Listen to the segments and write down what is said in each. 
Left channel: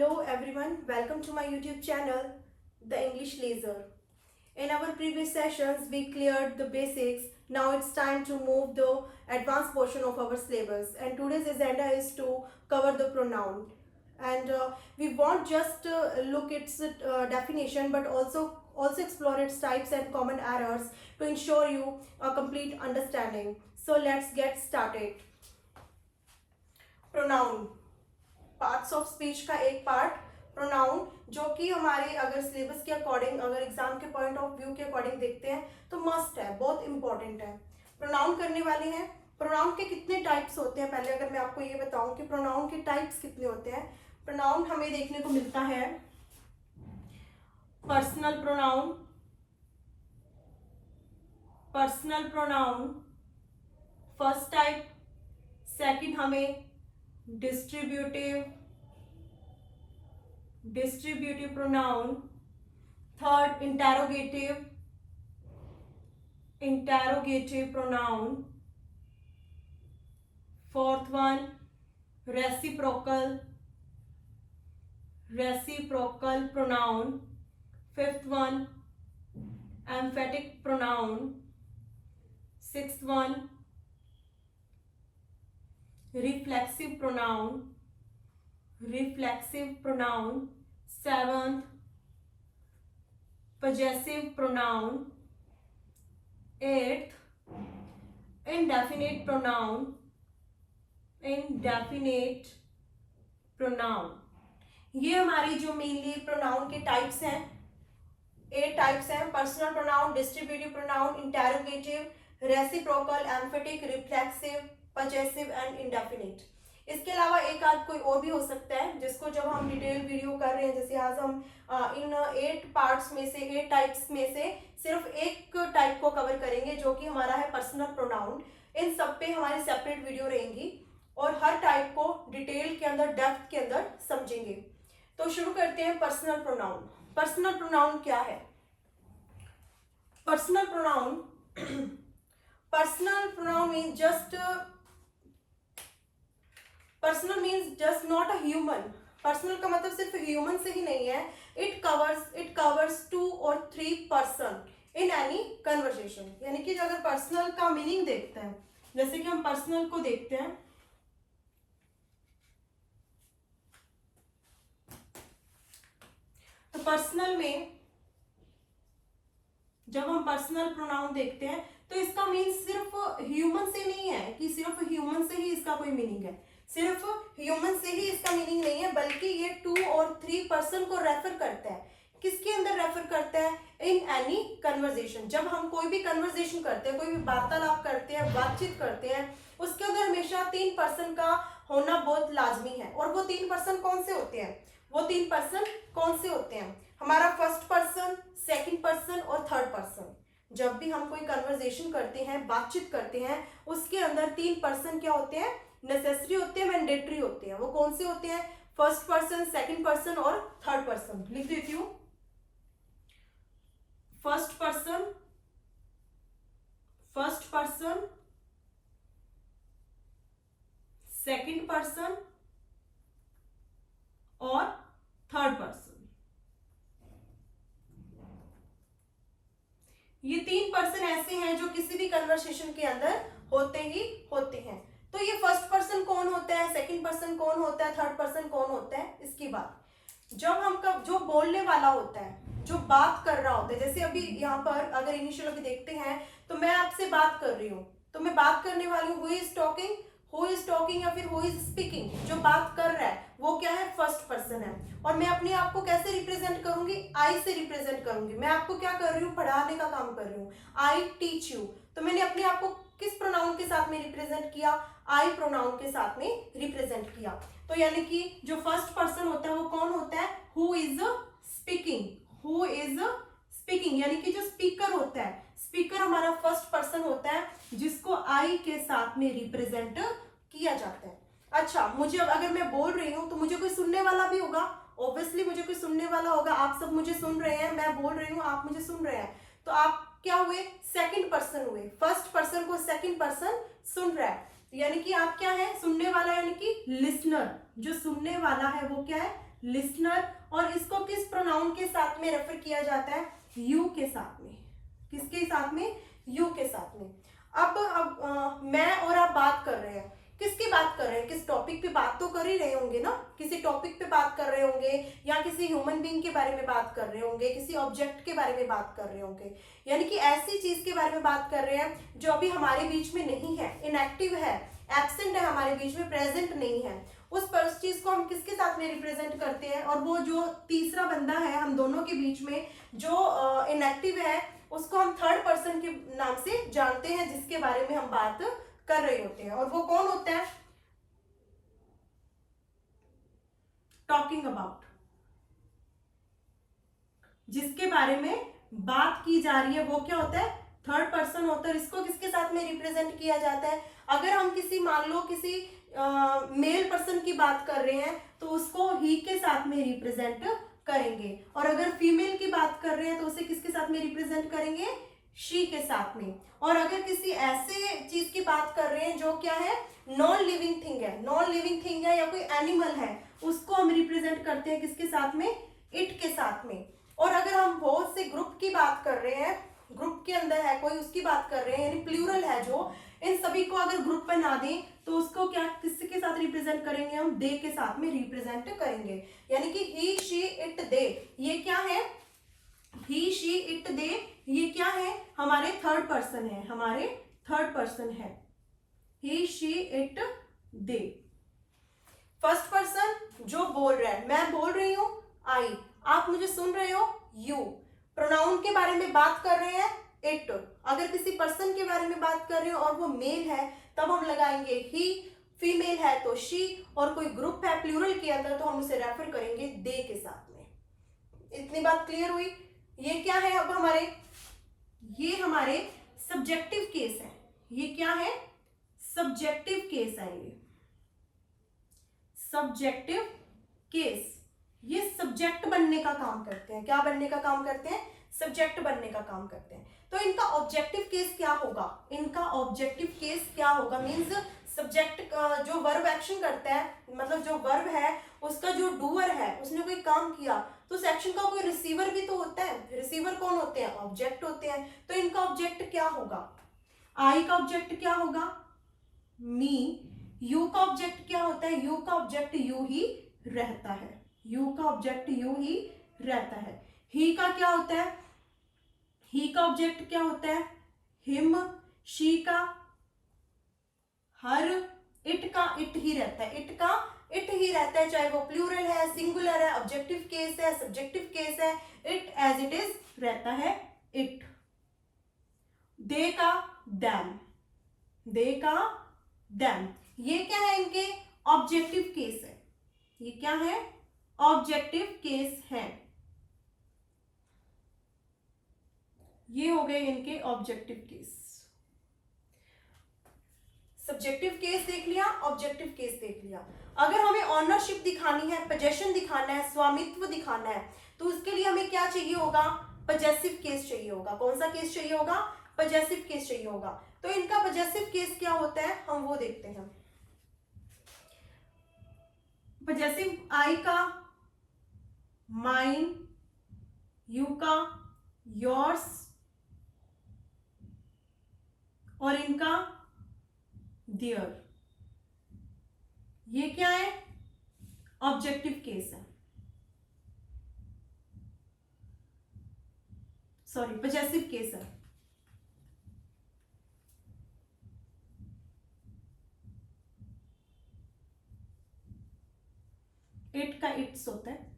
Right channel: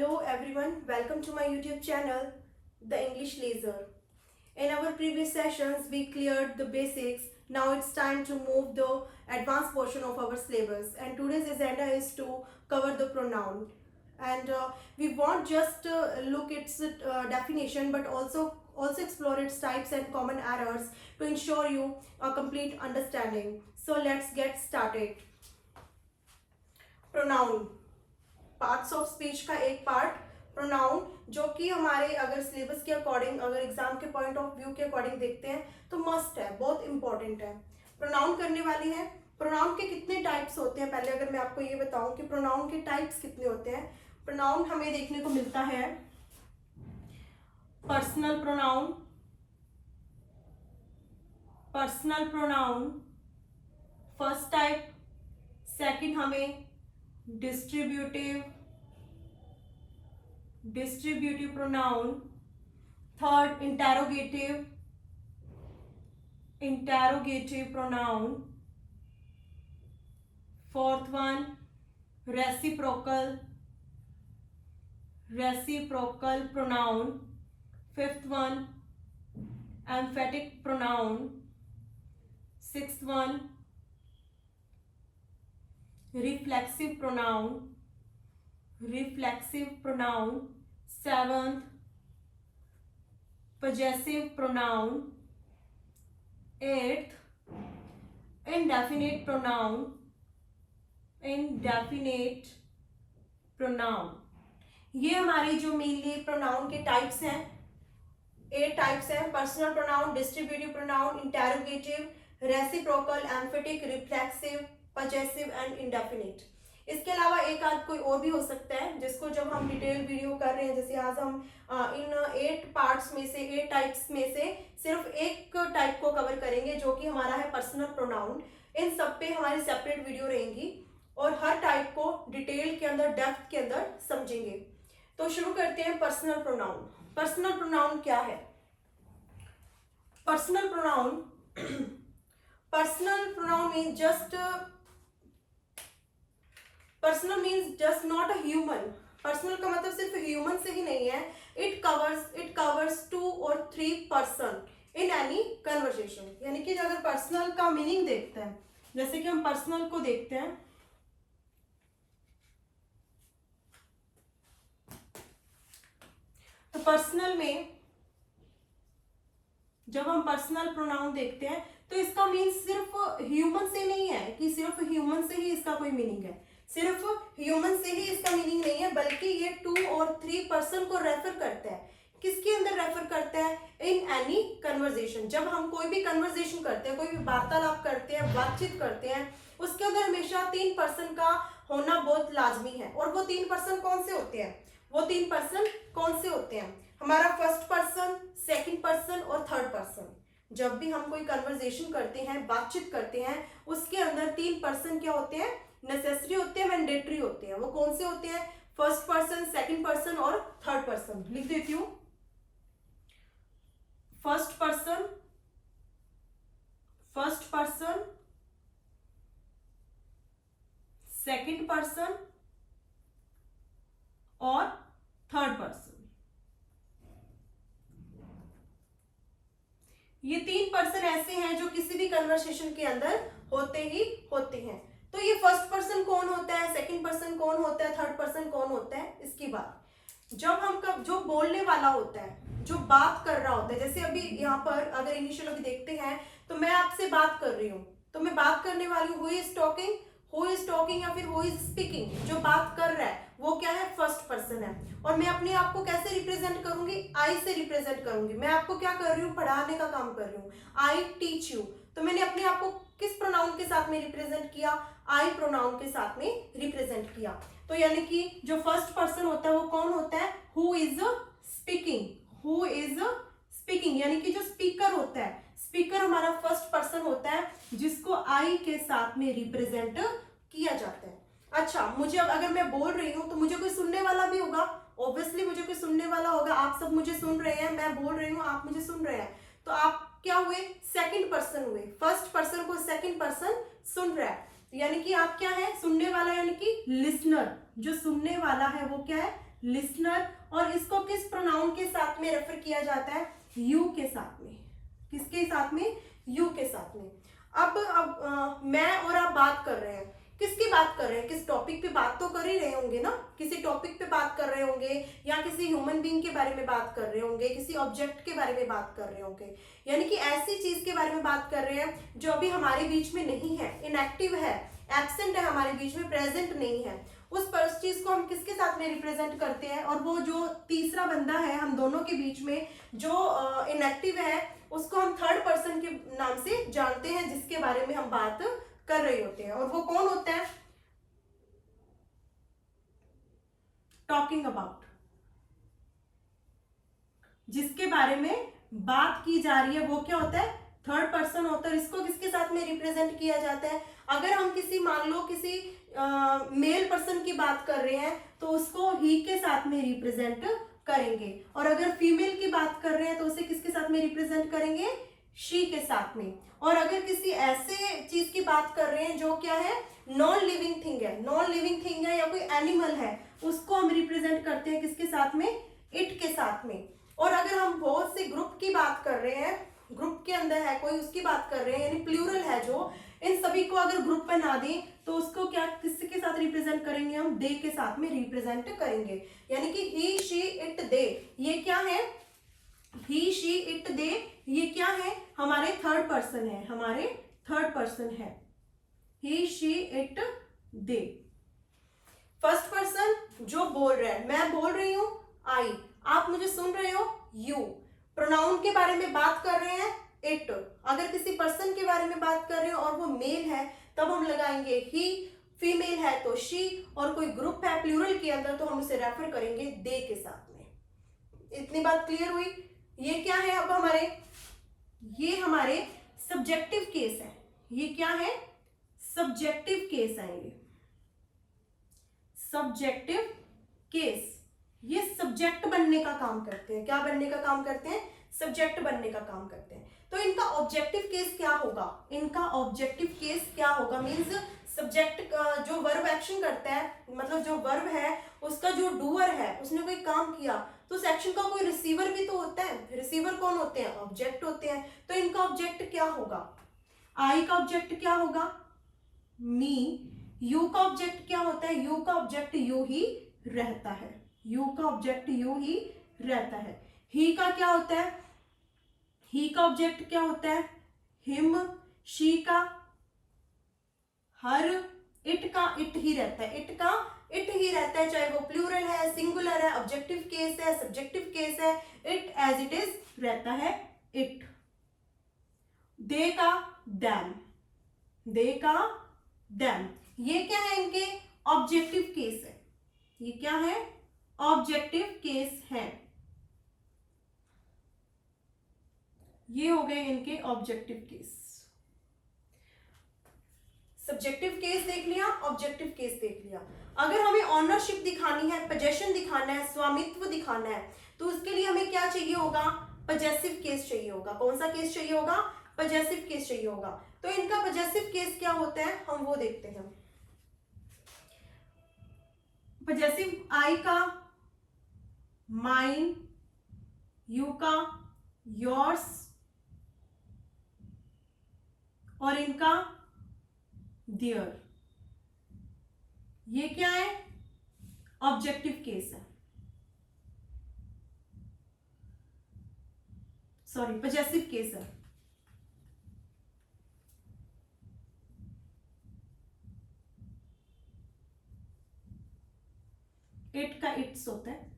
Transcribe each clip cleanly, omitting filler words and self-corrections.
Hello everyone, welcome to my YouTube channel, The English Laser. In our previous sessions, we cleared the basics. Now it's time to move the advanced portion of our syllabus. And today's agenda is to cover the pronoun. And we won't just look its definition, but also explore its types and common errors to ensure you a complete understanding. So let's get started. Pronoun. Parts of speech का एक part pronoun, जो कि हमारे अगर syllabus के according, अगर exam के point of view के अकॉर्डिंग देखते हैं तो मस्ट है, बहुत इंपॉर्टेंट है। प्रोनाउन करने वाले हैं। प्रोनाउन के कितने टाइप्स होते हैं, पहले अगर मैं आपको ये बताऊं कि प्रोनाउन के टाइप्स कितने होते हैं। प्रोनाउन हमें देखने को मिलता है personal pronoun, personal pronoun first type. Second हमें distributive pronoun. Third interrogative pronoun. Fourth one reciprocal pronoun. Fifth one emphatic pronoun. Sixth one reflexive pronoun। seventh possessive pronoun। eighth indefinite pronoun। ये हमारी जो mainly pronoun के types हैं, 8 types हैं। Personal pronoun, distributive pronoun, interrogative, reciprocal, emphatic, reflexive, possessive and indefinite. इसके अलावा एक आध कोई और भी हो सकता है, जिसको जब हम डिटेल वीडियो कर रहे हैं, जैसे आज हम इन 8 पार्ट्स में से 8 टाइप्स में से सिर्फ एक टाइप को कवर करेंगे, जो कि हमारा है पर्सनल प्रोनाउन। इन सब पे हमारी सेपरेट वीडियो रहेंगी और हर टाइप को डिटेल के अंदर, डेप्थ के अंदर समझेंगे। तो शुरू करते हैं पर्सनल प्रोनाउन। पर्सनल प्रोनाउन क्या है? Personal pronoun means just not a human. Personal का मतलब सिर्फ ह्यूमन से ही नहीं है। इट कवर्स 2 और 3 पर्सन इन एनी कन्वर्सेशन। यानी कि अगर पर्सनल का मीनिंग देखते हैं, जैसे कि हम पर्सनल को देखते हैं, तो पर्सनल में जब हम पर्सनल प्रोनाउन देखते हैं तो इसका मीन सिर्फ ह्यूमन से नहीं है कि सिर्फ ह्यूमन से ही इसका कोई मीनिंग है। सिर्फ ह्यूमन से ही इसका मीनिंग नहीं है, बल्कि ये 2 और 3 पर्सन को रेफर करता है। किसके अंदर रेफर करता है? In any conversation. जब हम कोई भी कन्वर्सेशन करते हैं, कोई भी वार्तालाप करते हैं, बातचीत करते हैं, उसके अंदर हमेशा 3 पर्सन का होना बहुत लाजमी है। और वो 3 पर्सन कौन से होते हैं? हमारा फर्स्ट पर्सन, सेकंड पर्सन और थर्ड पर्सन। जब भी हम कोई कन्वर्सेशन करते हैं, बातचीत करते हैं, उसके अंदर 3 पर्सन क्या होते हैं? नेसेसरी होते हैं, मैंडेटरी होते हैं। वो कौन से होते हैं? फर्स्ट पर्सन, सेकंड पर्सन और थर्ड पर्सन। लिख देती हूं। फर्स्ट पर्सन, सेकंड पर्सन और थर्ड पर्सन। ये 3 पर्सन ऐसे हैं जो किसी भी कन्वर्सेशन के अंदर होते हैं। तो ये फर्स्ट पर्सन कौन होता है, सेकंड पर्सन कौन होता है, थर्ड पर्सन कौन होता है? इसकी बात जब हम जो बोलने वाला होता है, जो बात कर रहा होता है, जैसे अभी यहाँ पर अगर इनिशियल अभी देखते हैं तो मैं आपसे बात कर रही हूँ, तो मैं बात करने वाली हूँ। हु इज टॉकिंग या फिर हु इज स्पीकिंग, जो बात कर रहा है वो क्या है? फर्स्ट पर्सन है। और मैं अपने आप को कैसे रिप्रेजेंट करूंगी? आई से रिप्रेजेंट करूंगी। मैं आपको क्या कर रही हूँ? पढ़ाने का काम कर रही हूँ। I teach you. तो मैंने अपने आप को किस प्रोनाउन के साथ में रिप्रेजेंट किया? आई प्रोनाउन के साथ में रिप्रेजेंट किया। तो यानी कि जो फर्स्ट पर्सन होता है वो कौन होता है? हु इज स्पीकिंग, यानी कि जो स्पीकर होता है, स्पीकर हमारा फर्स्ट पर्सन होता है, जिसको आई के साथ में रिप्रेजेंट किया जाता है। अच्छा, मुझे अगर मैं बोल रही हूं तो मुझे कोई सुनने वाला भी होगा। ऑब्वियसली मुझे कोई सुनने वाला होगा। आप सब मुझे सुन रहे हैं, मैं बोल रही हूँ, आप मुझे सुन रहे हैं। तो आप क्या हुए? सेकंड पर्सन हुए। फर्स्ट पर्सन को सेकंड पर्सन सुन रहा है, यानी कि आप क्या है? सुनने वाला, यानी कि लिसनर। जो सुनने वाला है वो क्या है? लिसनर, और इसको किस प्रोनाउन के साथ में रेफर किया जाता है? यू के साथ में। किसके साथ में? यू के साथ में। अब मैं और आप बात कर रहे हैं, किसकी बात कर रहे हैं? किस टॉपिक पे बात तो कर ही रहे होंगे ना, किसी टॉपिक पे बात कर रहे होंगे, या किसी ह्यूमन बीइंग के बारे में बात कर रहे होंगे, किसी ऑब्जेक्ट के बारे में बात कर रहे होंगे, यानी कि ऐसी चीज के बारे में बात कर रहे हैं जो अभी हमारे बीच में नहीं है, इनएक्टिव है, एब्सेंट है, हमारे बीच में प्रेजेंट नहीं है। उस चीज को हम किसके साथ में रिप्रेजेंट करते हैं? और वो जो तीसरा बंदा है हम दोनों के बीच में जो इनएक्टिव है, उसको हम थर्ड पर्सन के नाम से जानते हैं, जिसके बारे में हम बात कर रहे होते हैं। और वो कौन होता है? टॉकिंग अबाउट, जिसके बारे में बात की जा रही है वो क्या होता है? थर्ड पर्सन होता है। इसको किसके साथ में रिप्रेजेंट किया जाता है? अगर हम किसी, मान लो किसी मेल पर्सन की बात कर रहे हैं तो उसको ही के साथ में रिप्रेजेंट करेंगे, और अगर फीमेल की बात कर रहे हैं तो उसे किसके साथ में रिप्रेजेंट करेंगे? शी के साथ में। और अगर किसी ऐसे चीज की बात कर रहे हैं जो क्या है? नॉन लिविंग थिंग है, नॉन लिविंग थिंग है या कोई एनिमल है, उसको हम रिप्रेजेंट करते हैं किसके साथ में? इट के साथ में। और अगर हम बहुत से ग्रुप की बात कर रहे हैं, ग्रुप के अंदर है कोई, उसकी बात कर रहे हैं, यानी प्लूरल है जो, इन सभी को अगर ग्रुप में ना दें तो उसको क्या, किसके साथ रिप्रेजेंट करेंगे? हम दे के साथ में रिप्रेजेंट करेंगे। यानी कि ही, शी, इट, दे, ये क्या है? ही, शी, इट, दे, ये क्या है? हमारे थर्ड पर्सन है, हमारे थर्ड पर्सन है। He, she, it, they. First person जो बोल रहा है, मैं बोल रही हूं आई, आप मुझे सुन रहे हो यू। प्रोनाउन के बारे में बात कर रहे हैं इट। अगर किसी पर्सन के बारे में बात कर रहे हो और वो मेल है तब हम लगाएंगे ही, फीमेल है तो शी, और कोई ग्रुप है प्लूरल के अंदर तो हम उसे रेफर करेंगे दे के साथ में। इतनी बात क्लियर हुई? ये क्या है? अब हमारे, ये हमारे सब्जेक्टिव केस है। ये क्या है? सब्जेक्टिव केस है। ये सब्जेक्टिव केस, ये सब्जेक्ट बनने का काम करते हैं। क्या बनने का काम करते हैं? सब्जेक्ट बनने का काम करते हैं। तो इनका ऑब्जेक्टिव केस क्या होगा? इनका ऑब्जेक्टिव केस क्या होगा? मींस सब्जेक्ट जो वर्ब एक्शन करता है, मतलब जो वर्ब है उसका जो डूअर है उसने कोई काम किया, तो उस एक्शन का कोई रिसीवर भी तो होता है। रिसीवर कौन होते हैं? ऑब्जेक्ट होते हैं। तो इनका ऑब्जेक्ट क्या होगा? आई का ऑब्जेक्ट क्या होगा? मी। यू का ऑब्जेक्ट क्या होता है? यू का ऑब्जेक्ट यू ही रहता है। यू का ऑब्जेक्ट यू ही रहता है। ही का क्या होता है? ही का ऑब्जेक्ट क्या होता है? हिम। शी का हर। इट का इट ही रहता है। इट का इट ही रहता है, चाहे वो प्लूरल है, सिंगुलर है, ऑब्जेक्टिव केस है, सब्जेक्टिव केस है, इट एज इट इज रहता है इट। दे का दैम, दे का दैम, ये क्या है? इनके ऑब्जेक्टिव केस है। ये क्या है? ऑब्जेक्टिव केस है। ये हो गए इनके ऑब्जेक्टिव केस। सब्जेक्टिव केस देख लिया, ऑब्जेक्टिव केस देख लिया। अगर हमें ऑनरशिप दिखानी है, पोजेशन दिखाना है, स्वामित्व दिखाना है, तो उसके लिए हमें क्या चाहिए होगा? पजेसिव केस चाहिए होगा। कौन सा केस चाहिए होगा? पजेसिव केस चाहिए होगा। तो इनका पजेसिव केस क्या होता है हम वो देखते हैं। पजेसिव आई का माइन, यू का योर्स, और इनका देयर, ये क्या है? ऑब्जेक्टिव केस है, सॉरी पजेसिव केस है। इट का इट्स होता है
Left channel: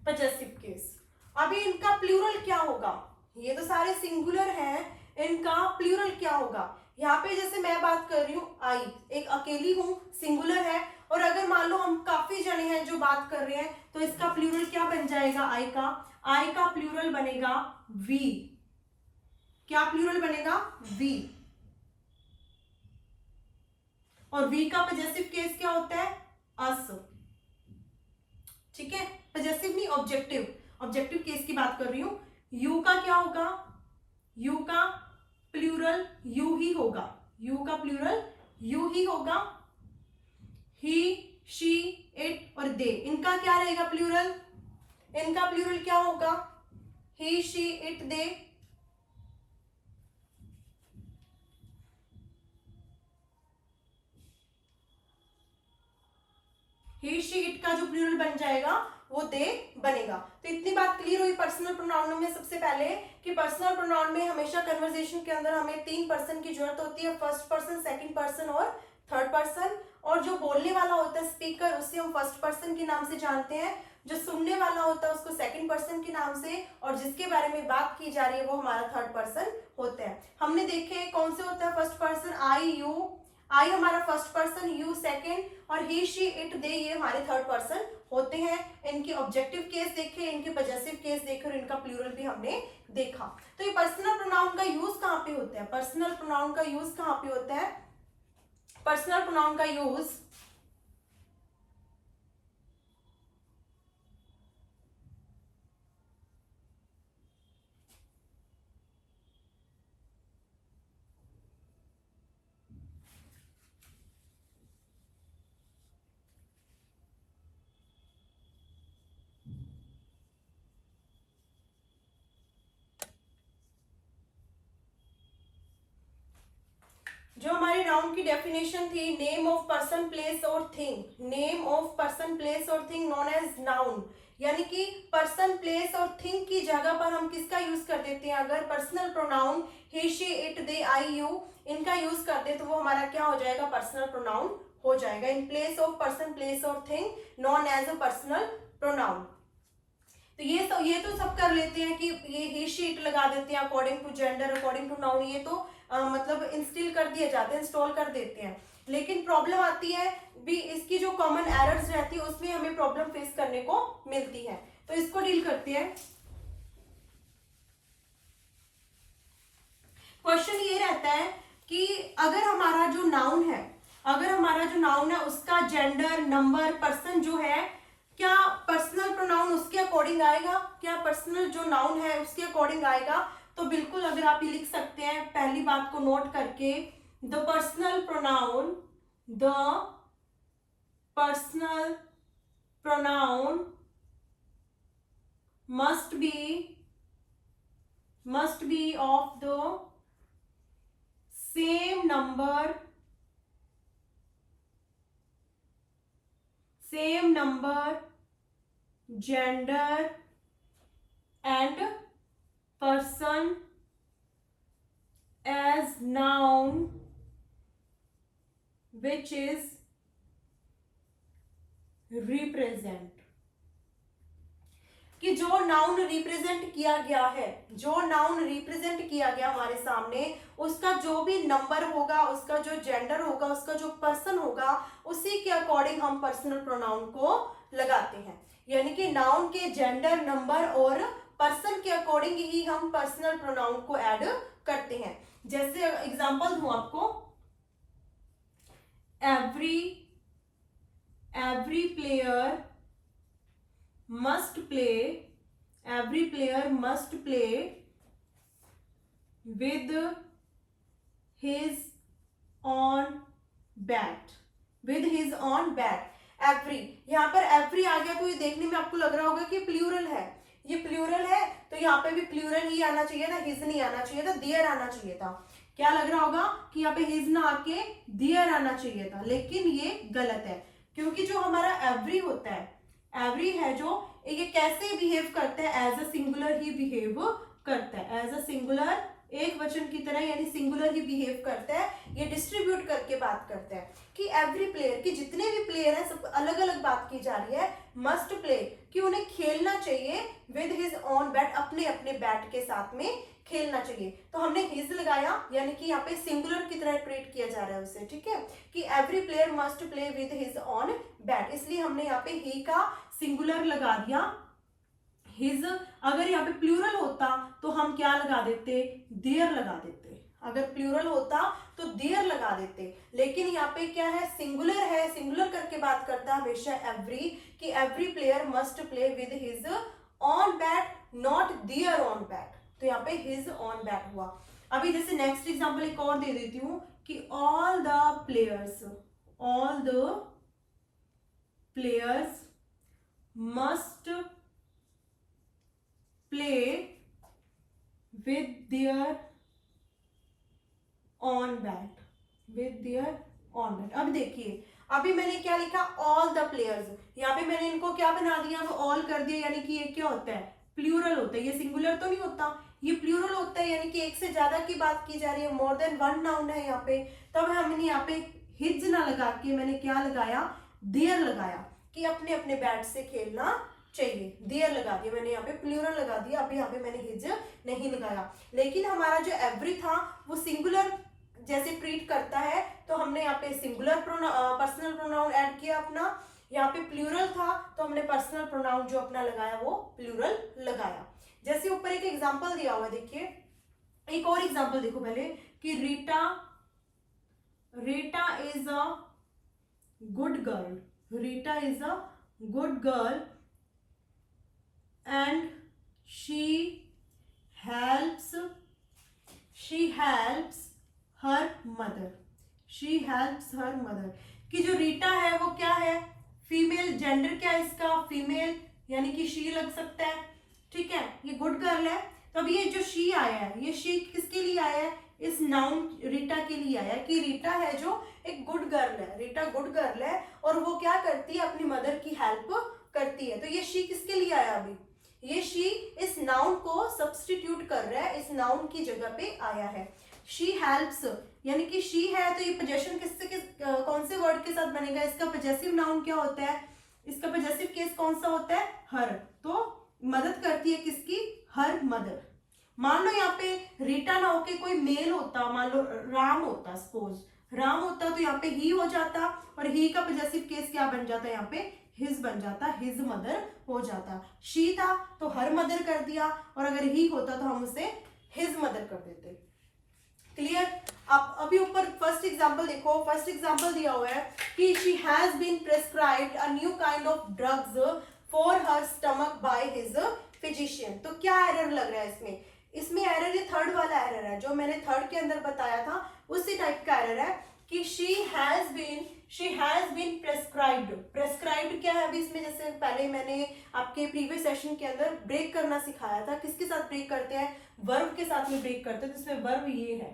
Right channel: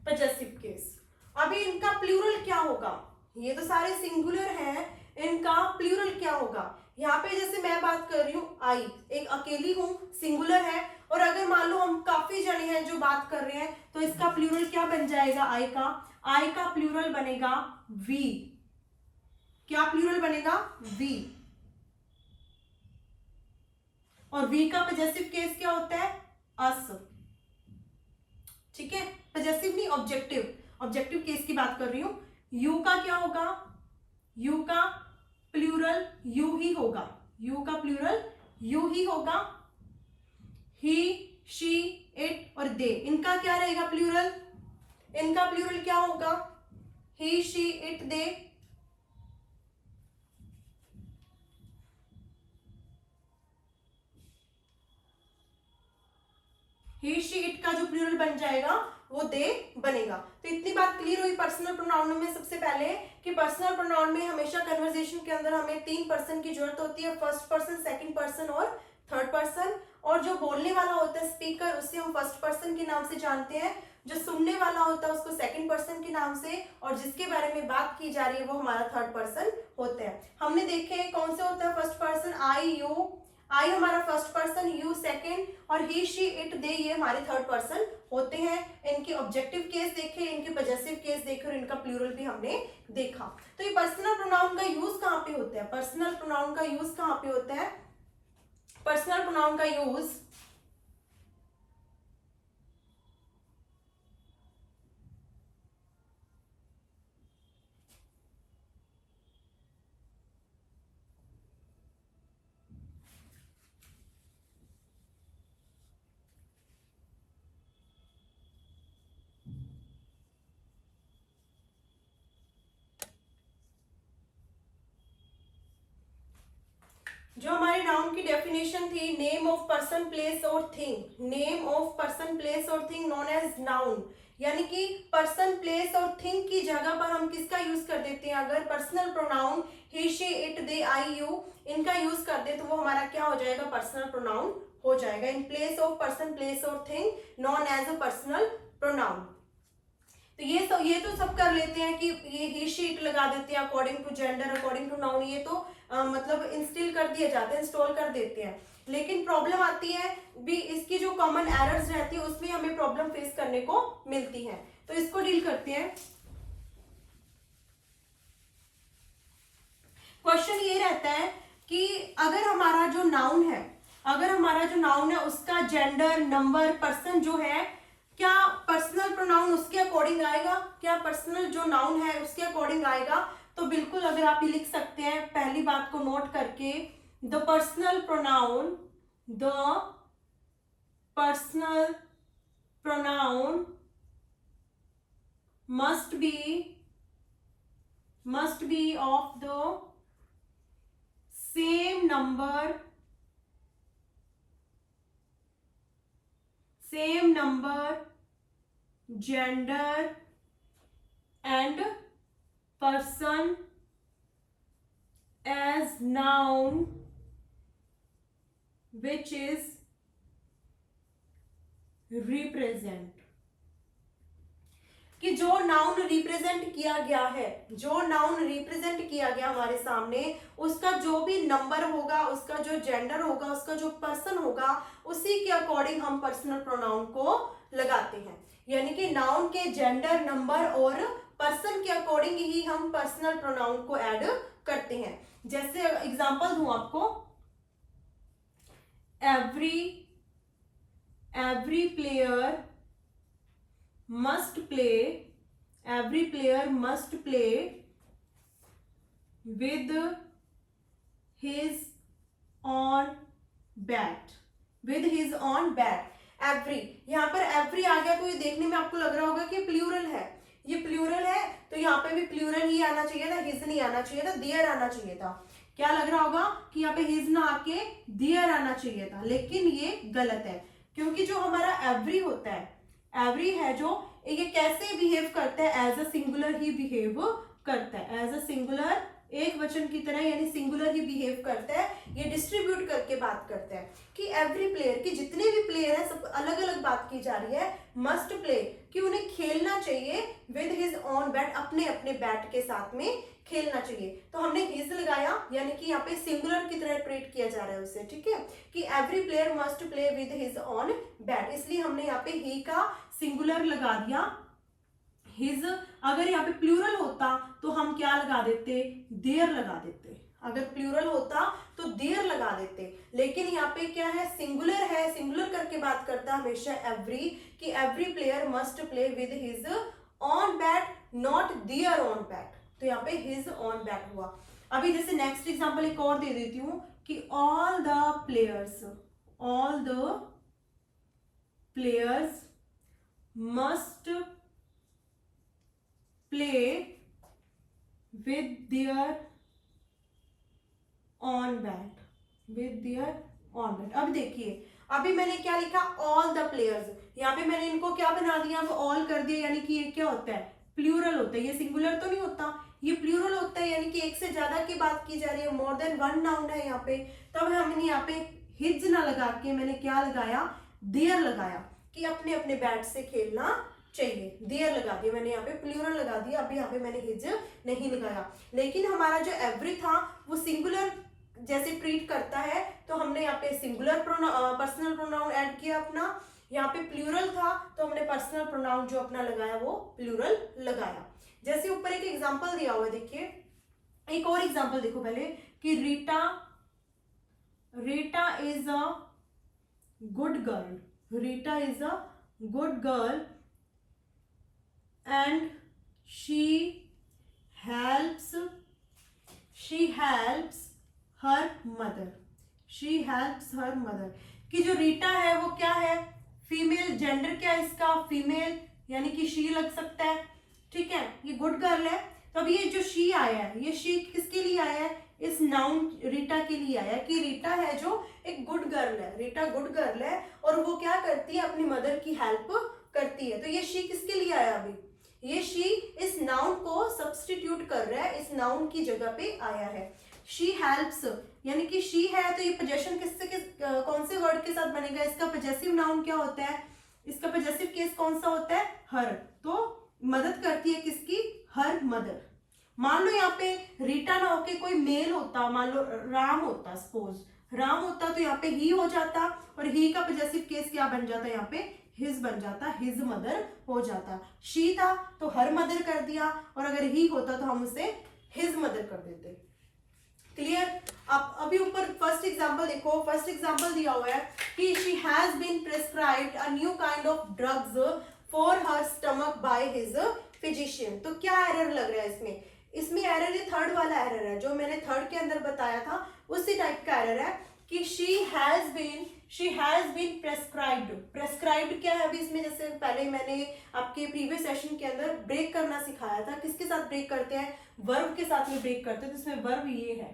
पजेसिव केस। अभी इनका प्लूरल क्या होगा? ये तो सारे सिंगुलर हैं, इनका प्लूरल क्या होगा? यहाँ पे जैसे मैं बात कर रही हूँ आई, एक अकेली हूं, सिंगुलर है, और अगर मान लो हम काफी जने हैं जो बात कर रहे हैं तो इसका प्लूरल क्या बन जाएगा? आई का, आई का प्लूरल बनेगा वी। क्या प्लूरल बनेगा? वी। और वी का पजेसिव केस क्या होता है? अस। ठीक है, पजेसिव नहीं, ऑब्जेक्टिव, ऑब्जेक्टिव केस की बात कर रही हूं। यू का क्या होगा? यू का प्लूरल यू ही होगा। यू का प्लूरल यू ही होगा। ही, शी, इट और दे, इनका क्या रहेगा प्लूरल? इनका प्लूरल क्या होगा? He, she, it, they. He, she, it का जो प्लूरल बन जाएगा वो दे बनेगा। तो इतनी बात क्लियर हुई पर्सनल प्रोनाउन में। सबसे पहले कि पर्सनल प्रोनाउन में हमेशा कन्वर्सेशन के अंदर हमें 3 पर्सन की जरूरत होती है, फर्स्ट पर्सन, सेकंड पर्सन और थर्ड पर्सन। और जो बोलने वाला होता है स्पीकर, उससे हम फर्स्ट पर्सन के नाम से जानते हैं। जो सुनने वाला होता है उसको सेकंड पर्सन के नाम से, और जिसके बारे में बात की जा रही है वो हमारा थर्ड पर्सन होता है। हमने देखे कौन से होता है फर्स्ट पर्सन, आई, यू। आई हमारा फर्स्ट पर्सन, यू सेकंड, और ही, शी, इट, दे ये हमारे थर्ड पर्सन होते हैं। इनके ऑब्जेक्टिव केस देखे, इनके पॉजेसिव केस देखे और इनका प्लूरल भी हमने देखा। तो ये पर्सनल प्रोनाउन का यूज कहाँ पे होता है? पर्सनल प्रोनाउन का यूज कहाँ पे होता है? पर्सनल प्रोनाउन का यूज जो हमारे नाउन की डेफिनेशन थी, नेम ऑफ पर्सन, प्लेस और thing. Name of person, place और थिंग नोन एज नाउन, यानी कि पर्सन, प्लेस और थिंग की जगह पर हम किसका यूज कर देते हैं? अगर personal pronoun he, she, it, they, I, you इनका यूज कर दे तो वो हमारा क्या हो जाएगा? पर्सनल प्रोनाउन हो जाएगा। In place of person, place और thing known as a personal pronoun. तो ये तो सब कर लेते हैं कि ये ही, शी, इट लगा देते हैं according to gender, according to noun. ये तो मतलब इंस्टॉल कर दिए जाते हैं, इंस्टॉल कर देते हैं। लेकिन प्रॉब्लम आती है भी, इसकी जो कॉमन एरर्स रहती है उसमें हमें प्रॉब्लम फेस करने को मिलती है। तो इसको डील करते हैं। क्वेश्चन ये रहता है कि अगर हमारा जो नाउन है उसका जेंडर, नंबर, पर्सन जो है, क्या पर्सनल प्रोनाउन उसके अकॉर्डिंग आएगा? क्या पर्सनल जो नाउन है उसके अकॉर्डिंग आएगा? तो बिल्कुल, अगर आप ये लिख सकते हैं पहली बात को नोट करके, the personal pronoun must be of the same number, gender and person as noun which is represent। कि जो नाउन रिप्रेजेंट किया गया हमारे सामने, उसका जो भी नंबर होगा, उसका जो जेंडर होगा, उसका जो पर्सन होगा, उसी के अकॉर्डिंग हम पर्सनल प्रोनाउन को लगाते हैं। यानी कि नाउन के जेंडर, नंबर और पर्सन के अकॉर्डिंग ही हम पर्सनल प्रोनाउन को ऐड करते हैं। जैसे एग्जांपल दूं आपको, every player must play with his own bat। Every, यहाँ पर एवरी आ गया तो ये देखने में आपको लग रहा होगा कि प्लूरल है, ये प्लूरल है, तो यहाँ पे भी प्लूरल ही आना चाहिए था, हिज नहीं आना चाहिए था, देयर आना चाहिए था। क्या लग रहा होगा कि यहाँ पे हिज ना आके देयर आना चाहिए था, लेकिन ये गलत है, क्योंकि जो हमारा एवरी होता है, एवरी है जो, ये कैसे बिहेव करता है? एज अ सिंगुलर ही बिहेव करता है, एज अ सिंगुलर, एक वचन की तरह, यानी सिंगुलर ही बिहेव करता है। ये डिस्ट्रीब्यूट करके बात करता है कि एवरी प्लेयर, की जितने भी प्लेयर हैं सब अलग अलग बात की जा रही है। मस्ट प्ले, कि उन्हें खेलना चाहिए विद हिज ऑन बैट, अपने अपने बैट के साथ में खेलना चाहिए। तो हमने हिज लगाया, यानी कि यहाँ पे सिंगुलर की तरह ट्रीट किया जा रहा है उसे, ठीक है, कि every player must play with his own bat, इसलिए हमने यहाँ पे ही का सिंगुलर लगा दिया, हिज। अगर यहाँ पे प्लूरल होता तो हम क्या लगा देते? देयर लगा देते। अगर प्लूरल होता तो देयर लगा देते, लेकिन यहाँ पे क्या है? सिंगुलर है, सिंगुलर करके बात करता है हमेशा एवरी, कि every player must play with his own bat, not their own bat. तो यहाँ पे हिज ऑन बैट हुआ। अभी जैसे नेक्स्ट एग्जांपल एक और दे देती हूँ कि all the players must play with their on bat, with their on bat। अब देखिए, अभी मैंने क्या लिखा, ऑल द प्लेयर्स, यहाँ पे मैंने इनको क्या बना दिया, ऑल कर दिया, यानी कि ये क्या होता है, प्लूरल होता है, ये सिंगुलर तो नहीं होता, ये प्लूरल होता है, यानी कि एक से ज्यादा की बात की जा रही है, मोर देन वन नाउन है यहाँ पे। तब हमने यहाँ पे हिज ना लगा के मैंने क्या लगाया, देयर लगाया, कि अपने अपने बैट से खेलना चाहिए, देयर लगा दिया मैंने, यहाँ पे प्लूरल लगा दिया। अभी यहाँ पे मैंने हिज नहीं लगाया, लेकिन हमारा जो एवरी था वो सिंगुलर जैसे ट्रीट करता है, तो हमने यहाँ पे सिंगुलर पर्सनल प्रोनाउन ऐड किया अपना, यहाँ पे प्लूरल था तो हमने पर्सनल प्रोनाउन जो अपना लगाया वो प्लूरल लगाया। जैसे ऊपर एक एग्जांपल दिया हुआ है, देखिए एक और एग्जांपल देखो पहले, कि Rita is a good girl, Rita is a good girl and she helps her mother, she helps her mother. कि जो रीटा है वो क्या है, फीमेल, जेंडर क्या है इसका, फीमेल, यानी कि शी लग सकता है, ठीक है, ये गुड गर्ल है। तो अब ये जो शी आया है, ये शी किसके लिए आया है, इस नाउन रीटा के लिए आया है, कि रीटा है जो एक गुड गर्ल है, रीटा गुड गर्ल है और वो क्या करती है, अपनी मदर की हेल्प करती है। तो ये शी किसके लिए आया, अभी ये शी इस नाउन को सब्स्टिट्यूट कर रहा है, इस नाउन की जगह पे आया है। शी हेल्प्स, यानी कि शी है तो ये पोजेशन कौन से वर्ड के साथ बनेगा, इसका पोजेसिव नाउन क्या होता है, इसका पोजेसिव केस कौन सा होता है, हर। तो मदद करती है किसकी, हर मदर। मान लो यहाँ पे रीटा ना होके कोई मेल होता, मान लो राम होता, सपोज राम होता, तो यहाँ पे ही हो जाता, और ही का पोजेसिव केस क्या बन जाता, यहाँ पे हिज बन जाता, हिज मदर हो जाता। शी था तो हर मदर कर दिया, और अगर ही होता तो हम उसे हिज मदर कर देते। क्लियर। अब अभी ऊपर फर्स्ट एग्जांपल देखो, फर्स्ट एग्जांपल दिया हुआ है कि she has been prescribed a new kind of drugs for her stomach by his physician. तो क्या एरर लग रहा है इसमें, इसमें एरर ये थर्ड वाला एरर है जो मैंने थर्ड के अंदर बताया था, उसी टाइप का एरर है कि शी हैज बीन प्रेस्क्राइब्ड क्या है अभी इसमें, जैसे पहले मैंने आपके प्रीवियस सेशन के अंदर ब्रेक करना सिखाया था, किसके साथ ब्रेक करते हैं, वर्ब के साथ में ब्रेक करते हैं, तो इसमें वर्ब ये है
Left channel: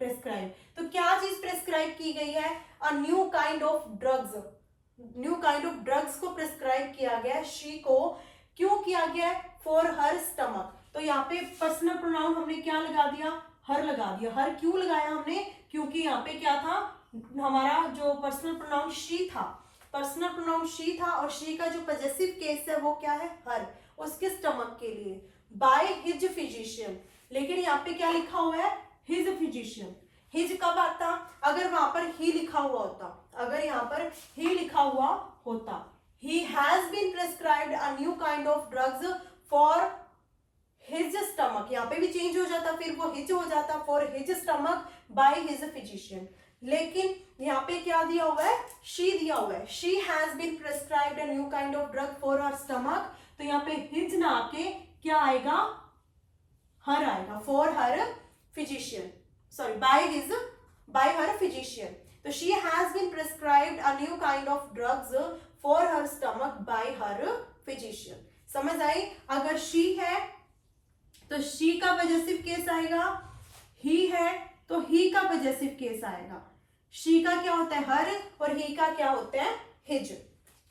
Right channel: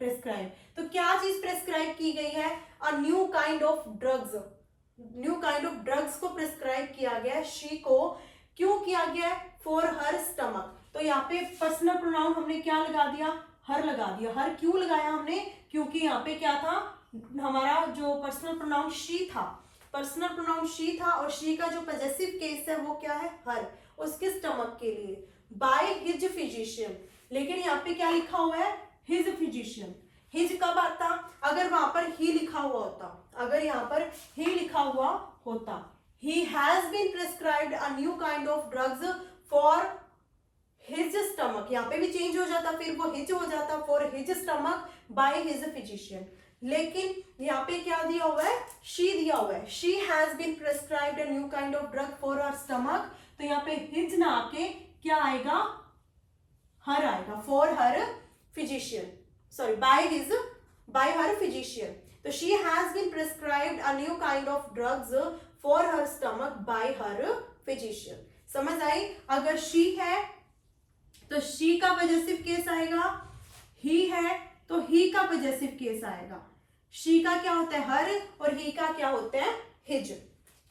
प्रेस्क्राइब। तो क्या चीज प्रेस्क्राइब की गई है, अ new kind of drugs, new kind of drugs को प्रेस्क्राइब किया गया है शी को। क्यों किया गया है, फॉर हर स्टमक। तो यहाँ पे पर्सनल प्रोनाउन हमने क्या लगा दिया, हर लगा दिया। हर क्यों लगाया हमने, क्योंकि यहाँ पे क्या था, हमारा जो पर्सनल प्रोनाउन शी था, पर्सनल प्रोनाउन शी था, और शी का जो पॉजेसिव केस है वो क्या है, हर, उसके स्टमक के लिए, बाय हिज फिजिशियन। लेकिन यहाँ पे क्या लिखा हुआ है, हिज फिजिशियन। हिज कब आता, अगर वहां पर ही लिखा हुआ होता, अगर यहाँ पर ही लिखा हुआ होता, he has been prescribed a new kind of drugs for his stomach, यहाँ पे भी चेंज हो जाता, फिर वो हिज हो जाता, for his stomach by his physician। लेकिन यहाँ पे क्या दिया हुआ है, she दिया हुआ है, she has been prescribed a new kind of drug for her stomach। तो यहाँ पे हिज ना आके क्या आएगा, हर आएगा, for her physician, sorry, by her physician। तो she has been prescribed a new kind of drugs for her stomach by her physician। समझ आई। अगर she है तो she का पॉजेसिव केस आएगा, he है तो he का पॉजेसिव केस आएगा। she का क्या होता है, हर, और he का क्या होता है, his।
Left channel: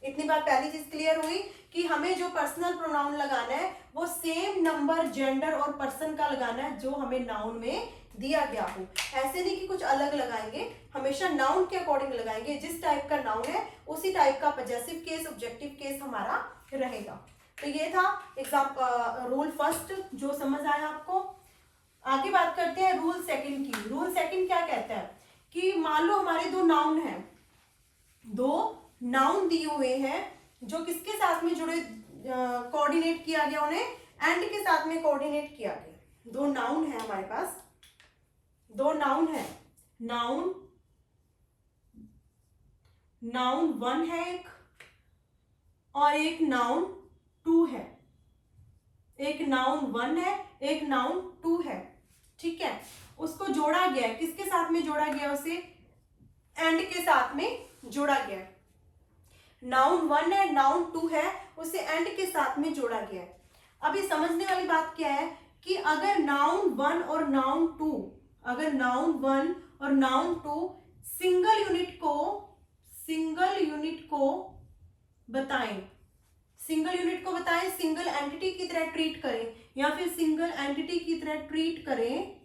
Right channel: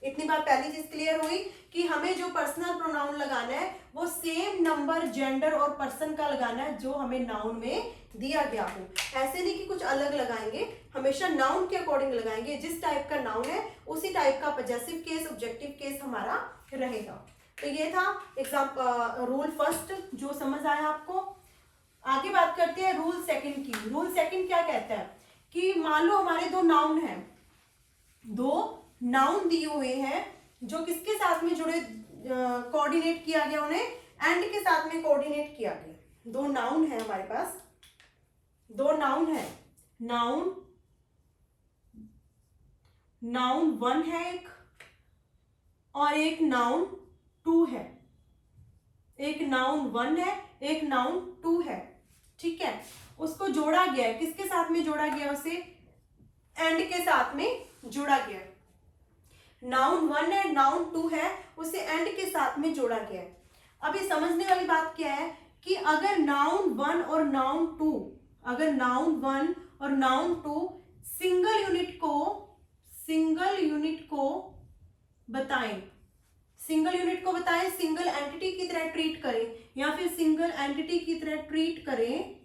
इतनी बात पहली चीज क्लियर हुई कि हमें जो पर्सनल प्रोनाउन लगाना है वो सेम नंबर, जेंडर और पर्सन का लगाना है जो हमें नाउन में दिया गया हो। ऐसे नहीं कि कुछ अलग लगाएंगे, हमेशा नाउन के अकॉर्डिंग लगाएंगे, जिस टाइप का नाउन है उसी टाइप का पॉजेसिव केस, ऑब्जेक्टिव केस हमारा रहेगा। तो ये था एग्जाम्पल, रूल फर्स्ट जो समझ आया आपको। आगे बात करते हैं रूल सेकंड की। रूल सेकंड क्या कहता है कि मान लो हमारे दो नाउन हैं, दो नाउन दिए हुए हैं जो किसके साथ में जुड़े, कोऑर्डिनेट किया गया, उन्हें एंड के साथ में कोऑर्डिनेट किया गया। दो नाउन है हमारे पास, दो नाउन है, नाउन वन है एक, और एक नाउन टू है, एक नाउन वन है, एक नाउन टू है, ठीक है। उसको जोड़ा गया है, किसके साथ में जोड़ा गया, उसे एंड के साथ में जोड़ा गया है। नाउन वन है, नाउन टू है, उसे एंड के साथ में जोड़ा गया है। अभी समझने वाली बात क्या है कि अगर नाउन वन और नाउन टू, अगर नाउन वन और नाउन टू सिंगल यूनिट को बताएं, सिंगल यूनिट को बताएं, सिंगल एंटिटी की तरह ट्रीट करें, या फिर सिंगल एंटिटी की तरह ट्रीट करें,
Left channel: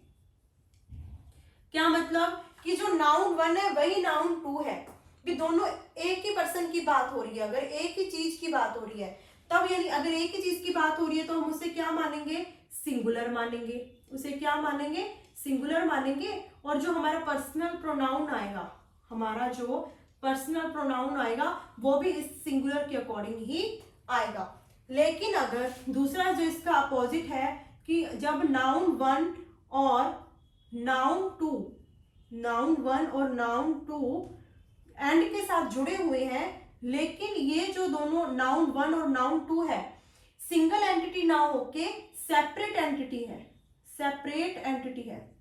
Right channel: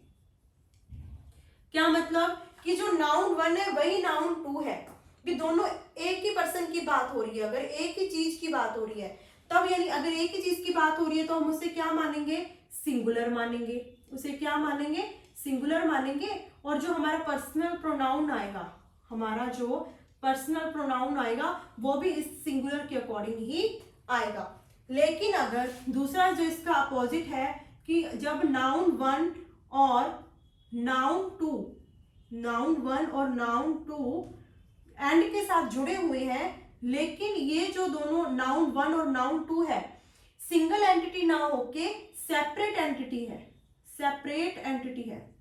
क्या मतलब कि जो नाउन वन है वही नाउन टू है, भी दोनों एक ही पर्सन की बात हो रही है, अगर एक ही चीज की बात हो रही है तब, यानी अगर एक ही चीज की बात हो रही है तो हम उसे क्या मानेंगे, सिंगुलर मानेंगे, उसे क्या मानेंगे, सिंगुलर मानेंगे। और जो हमारा पर्सनल प्रोनाउन आएगा, हमारा जो पर्सनल प्रोनाउन आएगा वो भी इस सिंगुलर के अकॉर्डिंग ही आएगा। लेकिन अगर दूसरा जो इसका अपोजिट है कि जब नाउन वन और नाउन टू, नाउन वन और नाउन टू एंड के साथ जुड़े हुए हैं, लेकिन ये जो दोनों नाउन वन और नाउन टू है सिंगल एंटिटी ना होके सेपरेट एंटिटी है, सेपरेट एंटिटी है,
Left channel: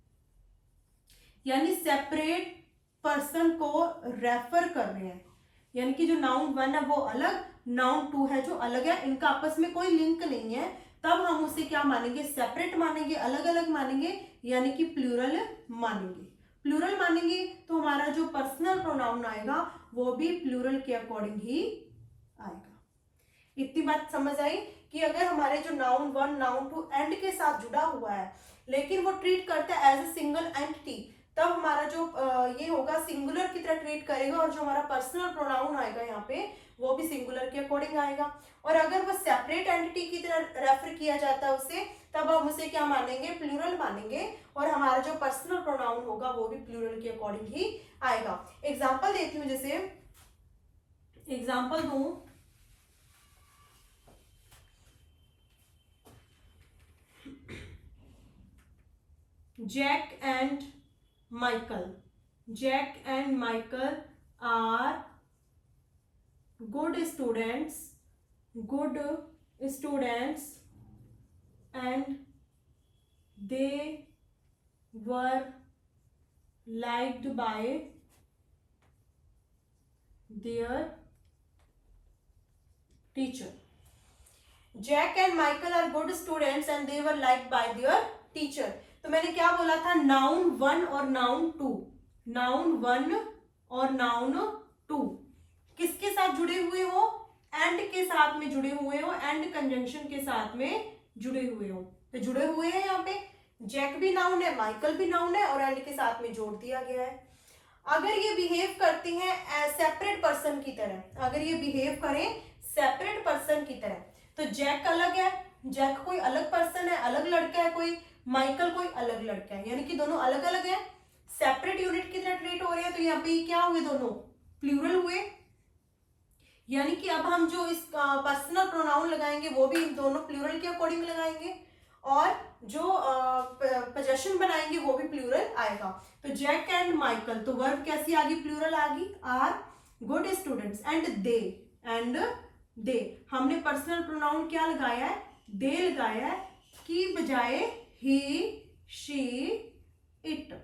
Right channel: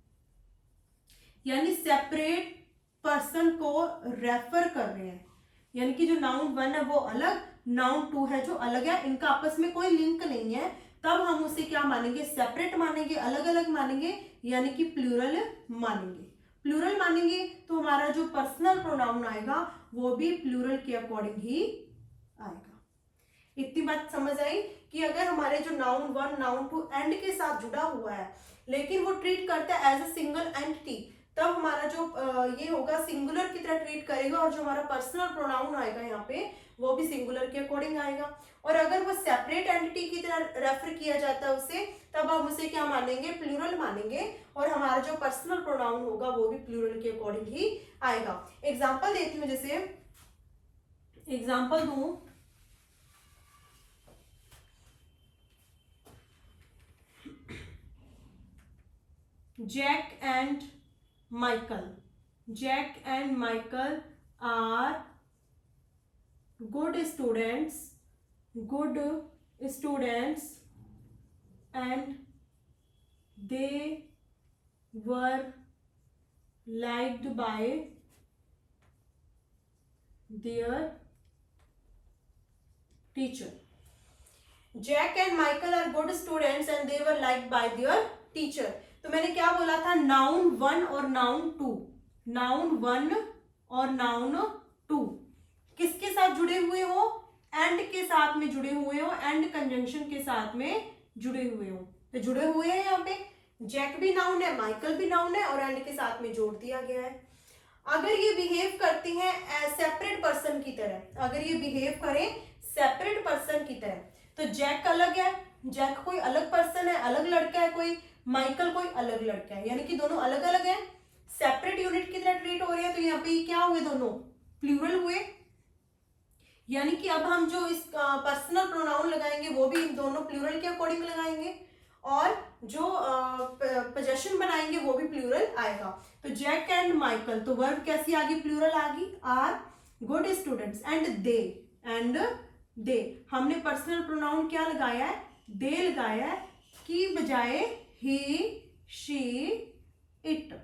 यानी सेपरेट पर्सन को रेफर कर रहे हैं, यानी कि जो नाउन वन है वो अलग, नाउन टू है जो अलग है, इनका आपस में कोई लिंक नहीं है, तब हम उसे क्या मानेंगे, सेपरेट मानेंगे, अलग अलग मानेंगे, यानी कि प्लूरल मानेंगे। प्लूरल मानेंगे तो हमारा जो पर्सनल प्रोनाउन आएगा वो भी प्लूरल के अकॉर्डिंग ही आएगा। इतनी बात समझ आई कि अगर हमारे जो noun one noun two and के साथ जुड़ा हुआ है लेकिन वो ट्रीट करता है एज ए सिंगल एंटिटी, तब हमारा जो ये होगा सिंगुलर की तरह ट्रीट करेगा, और जो हमारा पर्सनल प्रोनाउन आएगा यहाँ पे वो भी सिंगुलर के अकॉर्डिंग आएगा। और अगर वो सेपरेट एंटिटी की तरह रेफर किया जाता है उसे, तब हम उसे क्या मानेंगे, प्लूरल मानेंगे, और हमारा जो पर्सनल प्रोनाउन होगा वो भी प्लूरल के अकॉर्डिंग ही आएगा। एग्जाम्पल देती हूँ, जैसे एग्जाम्पल दूं, Jack and Michael, Jack and Michael are good students and they were liked by their teacher. Jack and Michael are good students and they were liked by their teacher. तो मैंने क्या बोला था, noun one और noun two, noun one और noun two किसके साथ जुड़े हुए हो, एंड के साथ में जुड़े हुए हो, एंड कंजंक्शन के साथ में जुड़े हुए हो, तो जुड़े हुए हैं यहाँ पे, जैक भी नाउन है, माइकल भी नाउन है, और एंड के साथ में जोड़ दिया गया है। अगर ये बिहेव करती हैं सेपरेट पर्सन की तरह, अगर ये बिहेव करें सेपरेट पर्सन की तरह, तो जैक अलग है, जैक कोई अलग पर्सन है, अलग लड़का है कोई, माइकल कोई अलग लड़का है, यानी कि दोनों अलग अलग है, सेपरेट यूनिट की तरह ट्रीट हो रहे हैं, तो यहाँ पे क्या हुए, दोनों प्लूरल हुए। यानी कि अब हम जो इस पर्सनल प्रोनाउन लगाएंगे वो भी इन दोनों प्लूरल के अकॉर्डिंग लगाएंगे, और जो पोजेशन बनाएंगे वो भी प्लूरल आएगा। तो जैक एंड माइकल, तो वर्ब कैसी आ गई, प्लूरल आ गई, are good students, and they हमने पर्सनल प्रोनाउन क्या लगाया है, दे लगाया है, की बजाय ही शी इट,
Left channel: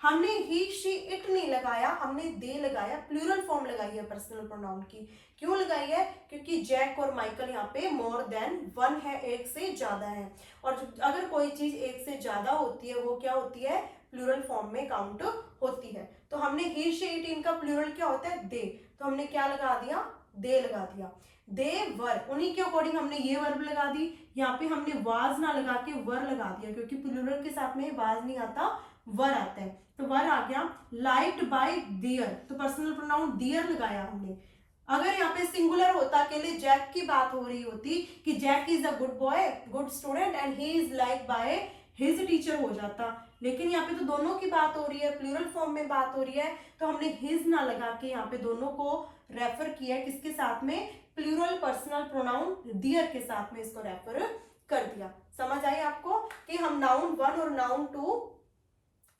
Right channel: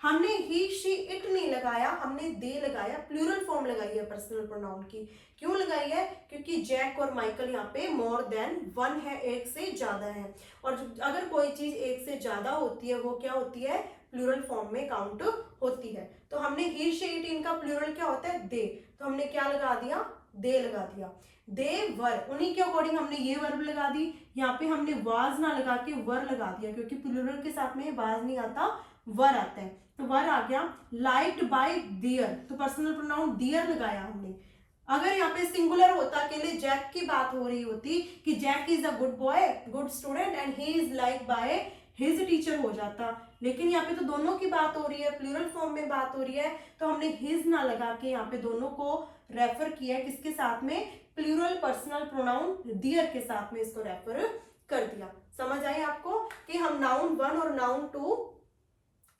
हमने ही शी इट नहीं लगाया, हमने दे लगाया, प्लूरल फॉर्म लगाई है पर्सनल प्रोनाउन की। क्यों लगाई है, क्योंकि जैक और माइकल यहाँ पे मोर देन वन है, एक से ज्यादा है, और अगर कोई चीज एक से ज्यादा होती है वो क्या होती है, प्लूरल फॉर्म में काउंट होती है। तो हमने ही शी इट, इनका प्लूरल क्या होता है, दे, तो हमने क्या लगा दिया, दे लगा दिया, दे वर, उन्हीं के अकॉर्डिंग हमने ये वर्ब लगा दी। यहाँ पे हमने वाज ना लगा के वर लगा दिया, क्योंकि प्लूरल के साथ में वाज नहीं आता, वर आता है, तो वर आ गया। लाइक्ड बाय देयर, तो पर्सनल प्रोनाउन देयर लगाया हमने। अगर यहाँ पे सिंगुलर होता, अकेले जैक की बात हो रही होती कि Jack is a good boy, good student, and he is like by his teacher हो जाता, लेकिन यहाँ पे तो दोनों की बात हो रही है, प्लूरल फॉर्म में बात हो रही है, तो हमने हिज ना लगा के यहाँ पे दोनों को रेफर किया, किसके साथ में, प्लूरल पर्सनल प्रोनाउन देयर के साथ में इसको रेफर कर दिया। समझ आई आपको कि हम नाउन वन और नाउन टू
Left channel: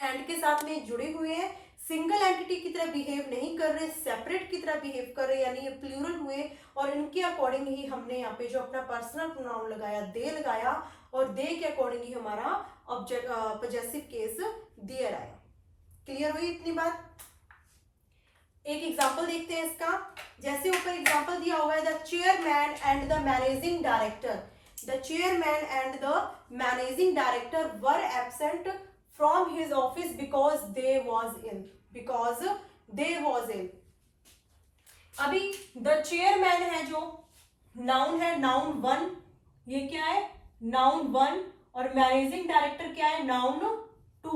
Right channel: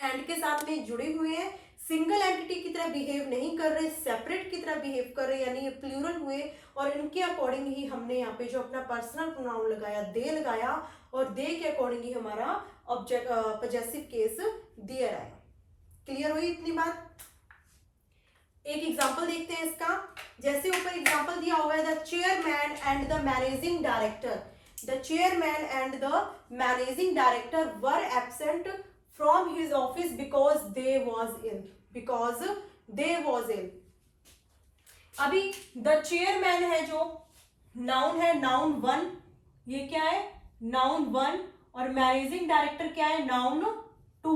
एंड के साथ में जुड़े हुए हैं, सिंगल एंटिटी की तरह बिहेव नहीं कर रहे, सेपरेट की तरह बिहेव कर रहे, यानी ये प्लूरल हुए, और इनके अकॉर्डिंग ही हमने यहाँ पे जो अपना पर्सनल प्रोनाउन लगाया, दे लगाया, और दे के अकॉर्डिंग ही हमारा ऑब्जेक्ट पॉजेसिव केस देयर आया। क्लियर हुई इतनी बात? एक एग्जांपल देखते हैं इसका। जैसे ऊपर एग्जांपल दिया हुआ है, the chairman and the managing director, the chairman and the managing director were absent from his office because they was ill, because they was ill. अभी द चेयरमैन है जो नाउन है, नाउन वन, ये क्या है नाउन वन, और managing director क्या है नाउन टू,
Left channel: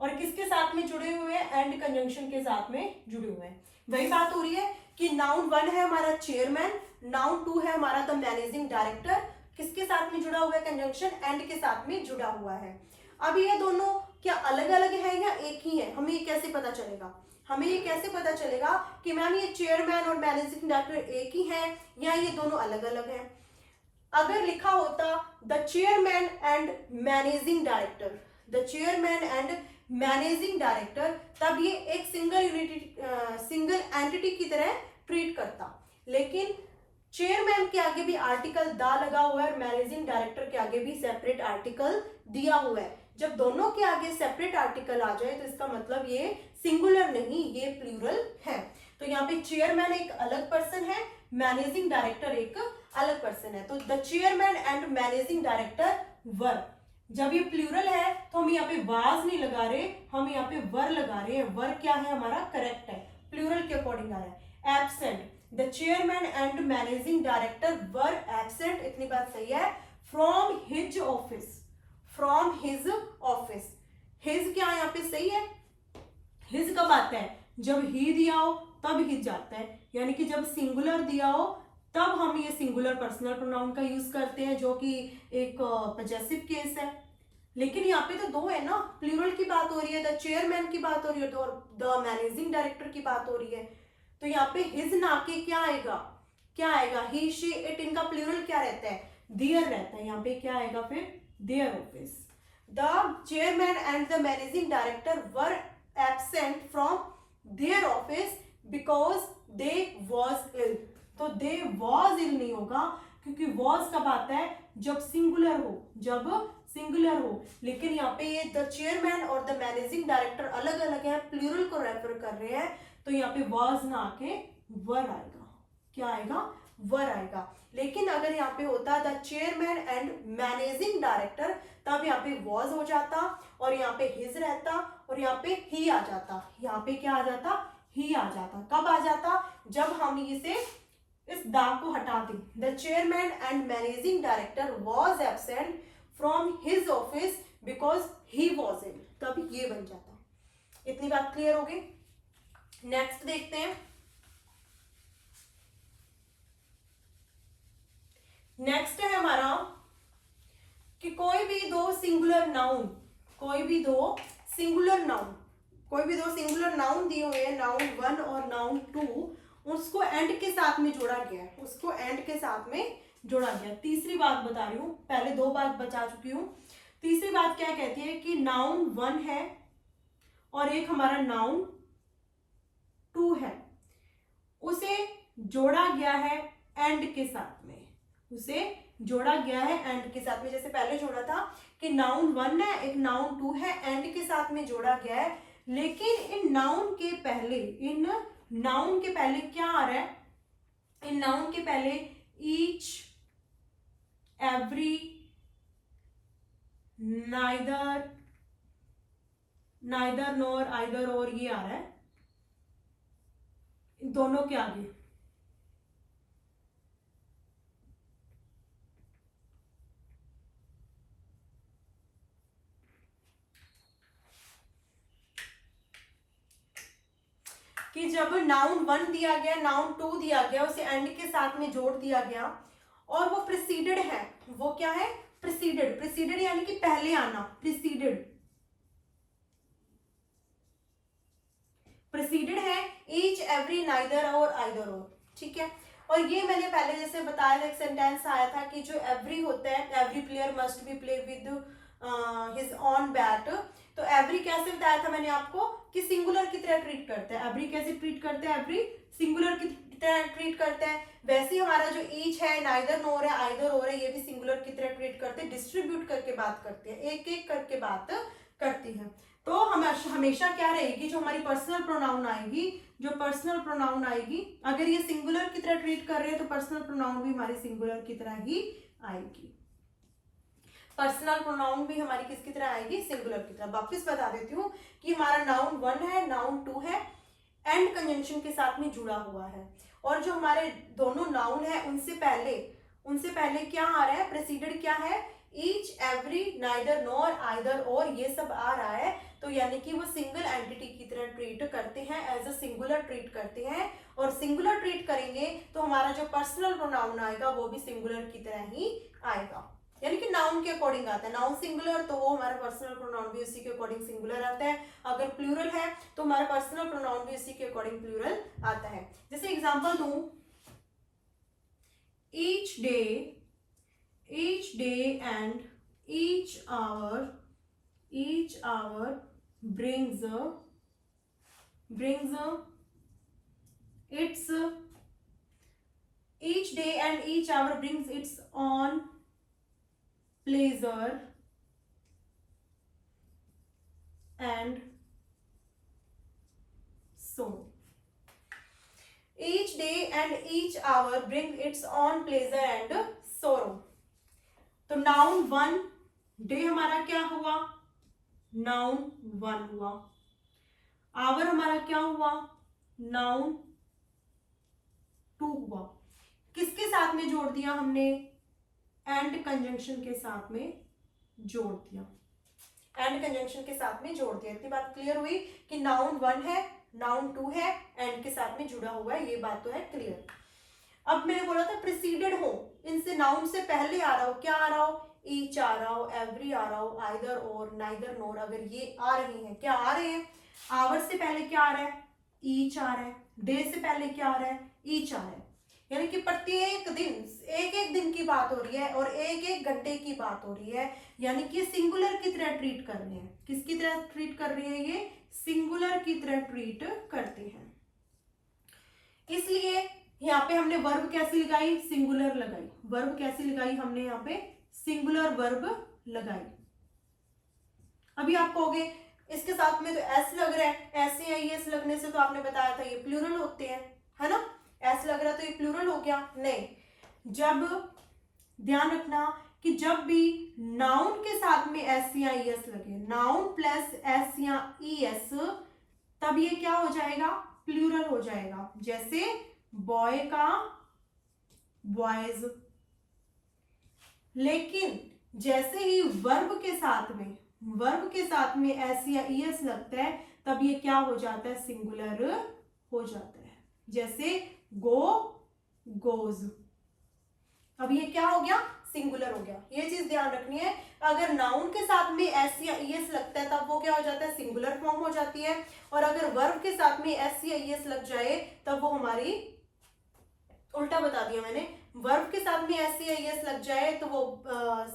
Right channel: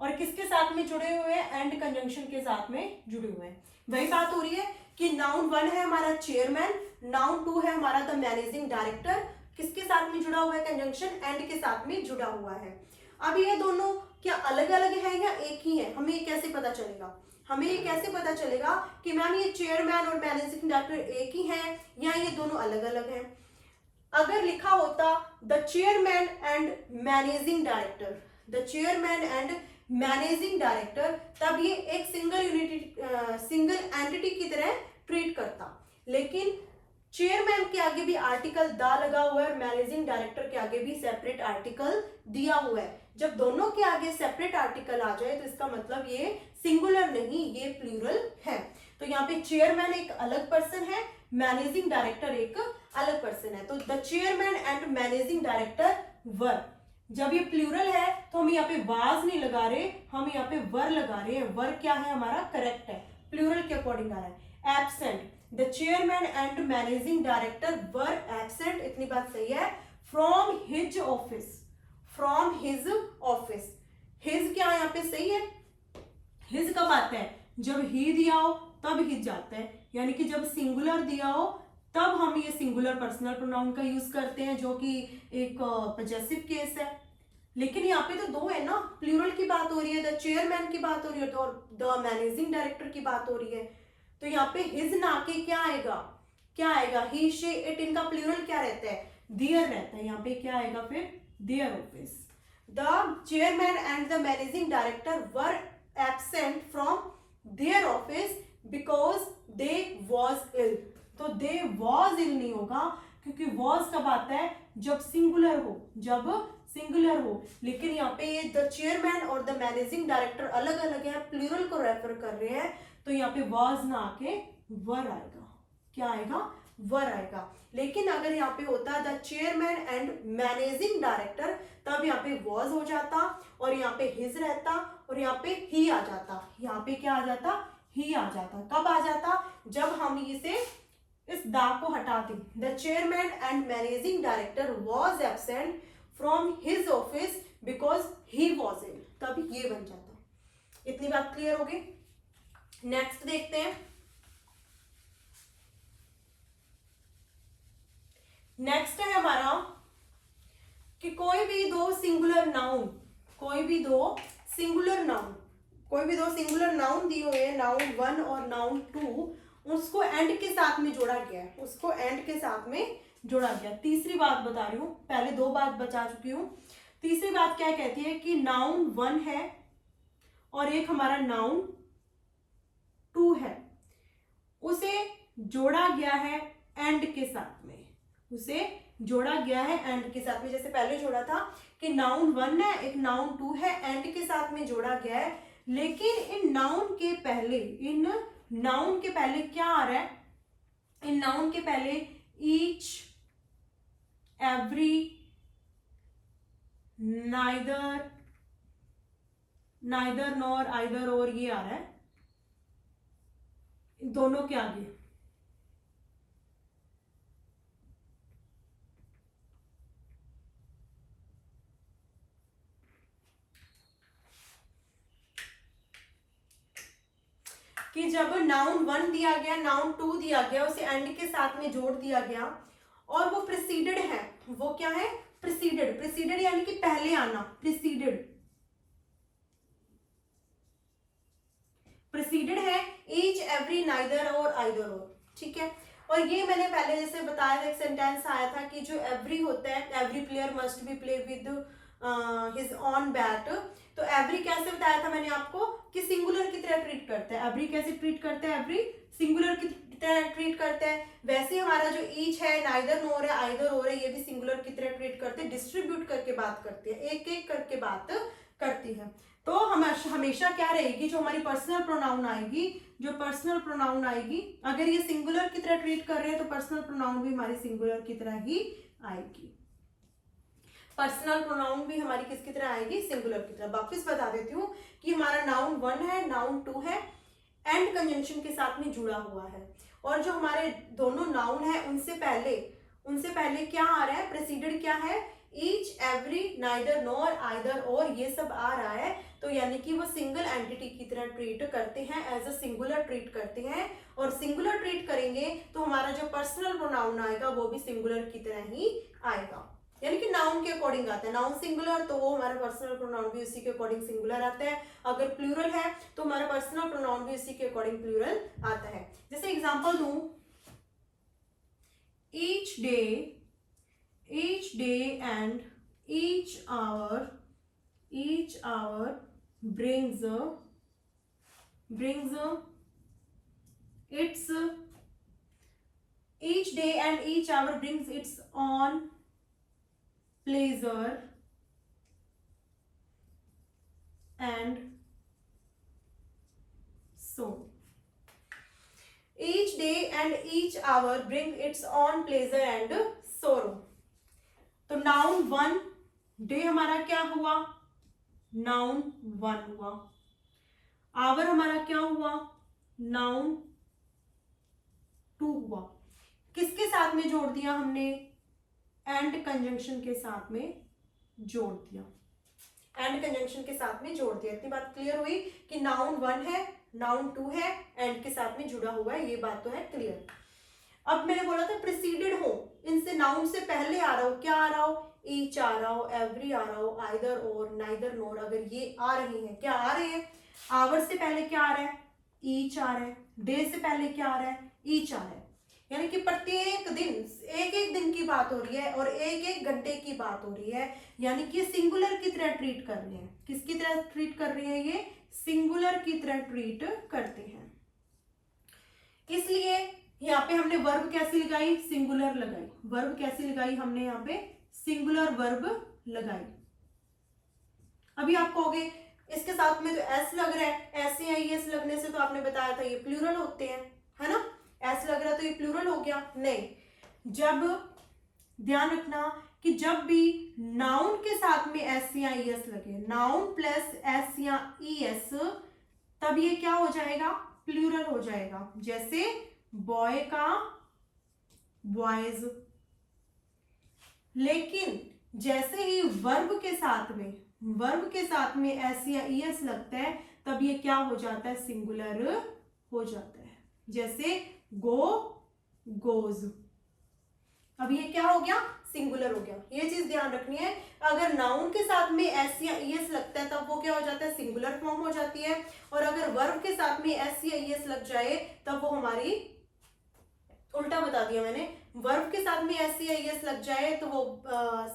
और किसके साथ में जुड़े हुए हैं एंड कंजंक्शन के साथ में जुड़े हुए हैं। वही बात हो रही है कि नाउन वन है हमारा चेयरमैन, नाउन टू है हमारा द मैनेजिंग डायरेक्टर, किसके साथ में जुड़ा हुआ है कंजंक्शन एंड के साथ में जुड़ा हुआ है। अब ये दोनों क्या अलग अलग है या एक ही है, हमें ये कैसे पता चलेगा, हमें ये कैसे पता चलेगा कि मैम ये चेयरमैन और मैनेजिंग डायरेक्टर एक ही हैं या ये दोनों अलग अलग हैं। अगर लिखा होता the chairman and managing director, the chairman and managing director, तब ये एक सिंगल एंटिटी की तरह ट्रीट करता। लेकिन चेयरमैन के आगे भी आर्टिकल दा लगा हुआ है और मैनेजिंग डायरेक्टर के आगे भी सेपरेट आर्टिकल दिया हुआ है। जब दोनों के आगे सेपरेट आर्टिकल आ जाए तो इसका मतलब ये सिंगुलर नहीं, ये प्लूरल है। तो यहाँ पे चेयरमैन एक अलग पर्सन है, मैनेजिंग डायरेक्टर एक अलग पर्सन है। तो the chairman and managing director were, जब ये प्लूरल है तो हम यहाँ पे वाज नहीं लगा रहे, हम यहाँ पे वर लगा रहे हैं। वर क्या है हमारा करेक्ट है, प्लूरल के अकॉर्डिंग आ रहा है। Absent, the chairman and managing director were absent, इतनी बात सही है। From his office, from his office, his क्या यहाँ पे सही है, हिज कब आता है जब ही दिया हो तब हिज जाता है, यानी कि जब सिंगुलर दिया हो तब हम ये सिंगुलर पर्सनल प्रोनाउन का यूज करते हैं, जो कि एक पजेसिव केस है। लेकिन यहाँ पे तो दो है ना, प्लूरल की बात हो रही है, द चेयरमैन की बात हो रही है और द मैनेजिंग डायरेक्टर की बात हो रही है। तो यहाँ पे हिज ना के क्या आएगा, क्या आएगा ही शी इट, इनका प्लूरल क्या रहता है देयर रहता है। यहाँ पे क्या आएगा फिर their office. The chairman and the managing director were absent from their office because they was ill. तो दे वॉज इल नहीं होगा, क्योंकि वॉज कब आता है जब सिंगुलर हो, जब सिंगुलर हो। लेकिन यहाँ पे ये द चेयरमैन और द मैनेजिंग डायरेक्टर अलग अलग हैं, प्लूरल को रेफर कर रहे हैं, तो यहाँ पे वॉज ना आके वर आएगा। क्या आएगा वर आएगा। लेकिन अगर यहाँ पे होता the chairman and managing director, तब यहाँ पे वॉज हो जाता और यहाँ पे हिज रहता और यहाँ पे ही आ जाता। यहाँ पे क्या आ जाता ही आ जाता। कब आ जाता जब हम इसे इस दा को हटा दें। The chairman and managing director was absent from his office because he was ill, तब ये बन जाता। इतनी बात क्लियर हो गई। नेक्स्ट देखते हैं। नेक्स्ट है हमारा कि कोई भी दो सिंगुलर नाउन, कोई भी दो सिंगुलर नाउन, कोई भी दो सिंगुलर नाउन दिए हुए हैं, नाउन वन और नाउन टू, उसको एंड के साथ में जोड़ा गया है, उसको एंड के साथ में जोड़ा गया। तीसरी बात बता रही हूँ, पहले दो बात बता चुकी हूँ। तीसरी बात क्या कहती है कि नाउन वन है और एक हमारा नाउन टू है, उसे जोड़ा गया है एंड के साथ में, उसे जोड़ा गया है एंड के साथ में। जैसे पहले जोड़ा था कि नाउन वन है एक नाउन टू है, एंड के साथ में जोड़ा गया है। लेकिन इन नाउन के पहले, इन नाउन के पहले क्या आ रहा है, इन नाउन के पहले each, every, neither, neither nor, either और, ये आ रहा है इन दोनों के आगे। कि जब नाउन वन दिया गया, नाउन टू दिया गया, उसे एंड के साथ में जोड़ दिया गया और वो प्रिसीडेड है, वो क्या है प्रिसीडेड, प्रिसीडेड यानी कि पहले आना, प्रिसीडेड, प्रिसीडेड है ईच, एवरी, नाइदर और आइदर और, ठीक है। और ये मैंने पहले जैसे बताया था, एक सेंटेंस आया था कि जो एवरी होता है, every player must be play with his own bat. तो एवरी कैसे बताया था मैंने आपको कि सिंगुलर की तरह ट्रीट करते हैं। एवरी कैसे ट्रीट करते हैं, एवरी सिंगुलर की तरह ट्रीट करते हैं। वैसे हमारा जो ईच है, नाइदर नोर है, आइदर और है, ये भी सिंगुलर की तरह ट्रीट करते हैं, डिस्ट्रीब्यूट करके बात करते हैं, एक एक करके बात करती है। तो हम हमेशा क्या रहेगी, जो हमारी पर्सनल प्रोनाउन आएगी, जो पर्सनल प्रोनाउन आएगी, अगर ये सिंगुलर की तरह ट्रीट कर रहे हैं तो पर्सनल प्रोनाउन भी हमारी सिंगुलर की तरह ही आएगी। पर्सनल प्रोनाउन भी हमारी किसकी तरह आएगी, सिंगुलर की तरह। वापस बता देती हूँ कि हमारा नाउन 1 है, नाउन 2 है, एंड कंजंक्शन के साथ में जुड़ा हुआ है, और जो हमारे दोनों नाउन है उनसे पहले क्या आ रहा है, प्रेसिडेड क्या है, each, every, neither, nor, either, और, ये सब आ रहा है। तो यानी कि वो सिंगल एंटिटी की तरह ट्रीट करते हैं, एज अ सिंगुलर ट्रीट करते हैं, और सिंगुलर ट्रीट करेंगे तो हमारा जो पर्सनल प्रोनाउन आएगा वो भी सिंगुलर की तरह ही आएगा, यानी कि नाउन के अकॉर्डिंग आता है। नाउन सिंगुलर तो वो हमारा पर्सनल प्रोनाउन भी उसी के अकॉर्डिंग सिंगुलर आता है, अगर प्लूरल है तो हमारा पर्सनल प्रोनाउन भी उसी के अकॉर्डिंग प्लूरल आता है। जैसे एग्जांपल दूं, each day and each hour brings its each day and each hour brings its own pleasure and sorrow. Each day and each hour brings its own pleasure and sorrow. तो noun 1 day हमारा क्या हुआ, noun 1 हुआ, our हमारा क्या हुआ, noun 2 हुआ। किसके साथ में जोड़ दिया हमने, एंड कंजंक्शन के साथ में जोड़ दिया, एंड कंजंक्शन के साथ में जोड़ दिया। इतनी बात क्लियर हुई कि नाउन 1 है, नाउन 2 है, एंड के साथ में जुड़ा हुआ है, ये बात तो है क्लियर। अब मैंने बोला था प्रिसीडेड हो, इनसे नाउन से पहले आ रहा हो, क्या आ रहा हो, ईच आ रहा हो, एवरी आ रहा हो, आइदर और, नाइदर नोर, अगर ये आ रही हैं, क्या आ रहे हैं, आवर से पहले क्या आ रहा है, ईच आ रहा है, डे से पहले क्या आ रहा है, ईच आ रहा है, यानी कि प्रत्येक दिन, एक एक दिन की बात हो रही है और एक एक घंटे की बात हो रही है, यानी कि सिंगुलर की तरह ट्रीट कर रहे हैं। किसकी तरह ट्रीट कर रहे हैं, ये सिंगुलर की तरह ट्रीट करते हैं। इसलिए यहाँ पे हमने वर्ब कैसी लगाई, सिंगुलर लगाई। वर्ब कैसी लगाई हमने, यहाँ पे सिंगुलर वर्ब लगाई। अभी आप कहोगे इसके साथ में तो एस लग रहा है, ऐसे या एस लगने से तो आपने बताया था ये प्लूरल होते हैं, है ना, एस लग रहा है तो ये प्लूरल हो गया, नहीं। जब ध्यान रखना कि जब भी नाउन के साथ में एस या एस लगे, नाउन प्लस एस या एस, तब ये क्या हो जाएगा, प्लूरल हो जाएगा। जैसे बॉय का बॉयज, लेकिन जैसे ही वर्ब के साथ में एस या एस लगता है तब ये क्या हो जाता है, सिंगुलर हो जाता है। जैसे गो गोज, अब ये क्या हो गया, सिंगुलर हो गया। ये चीज ध्यान रखनी है, अगर नाउन के साथ में एस या एस लगता है तब वो क्या हो जाता है, सिंगुलर फॉर्म हो जाती है, और अगर वर्ब के साथ में एस या एस लग जाए तब वो हमारी, उल्टा बता दिया मैंने, वर्ब के साथ में एस या एस लग जाए तो वो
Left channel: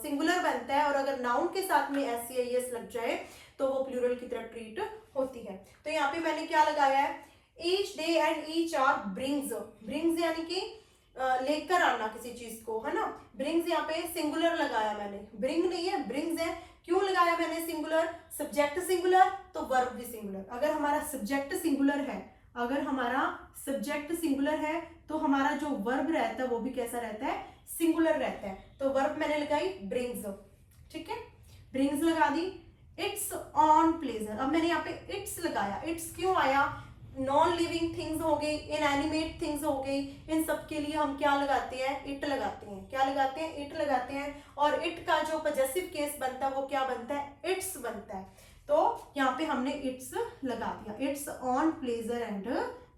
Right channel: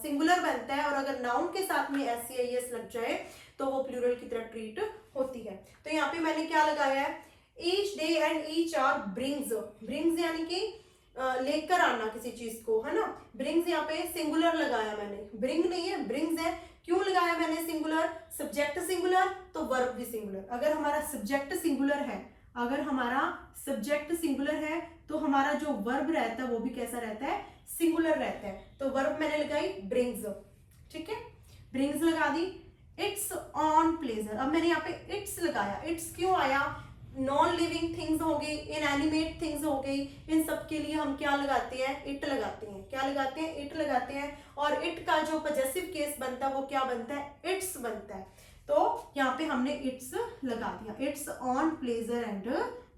सिंगुलर बनता है, और अगर नाउन के साथ में एस या एस लग जाए तो वो प्लूरल की तरह ट्रीट होती है। तो यहाँ पे मैंने क्या लगाया है, each day and each hour brings यानी कि लेकर आना किसी चीज को, है ना। ब्रिंग्स यहाँ पे सिंगुलर लगाया मैंने, ब्रिंग नहीं है, ब्रिंग्स है। क्यों लगाया मैंने सिंगुलर, सब्जेक्ट सिंगुलर तो वर्ब भी सिंगुलर। अगर हमारा सब्जेक्ट सिंगुलर है तो हमारा जो वर्ब रहता है वो भी कैसा रहता है, सिंगुलर रहता है। तो वर्ब मैंने लगाई ब्रिंग्स, ठीक है, ब्रिंग्स लगा दी। इट्स ऑन प्लेजर, अब मैंने यहाँ पे इट्स लगाया, इट्स क्यों आया, नॉन लिविंग थिंग्स हो गई, इनएनिमेट थिंग्स हो गई, इन सब के लिए हम क्या लगाते हैं, इट लगाते हैं। क्या लगाते हैं, इट लगाते हैं। और इट का जो पॉजेसिव केस बनता है वो क्या बनता है, इट्स बनता है। तो यहाँ पे हमने इट्स लगा दिया, इट्स ऑन प्लेजर एंड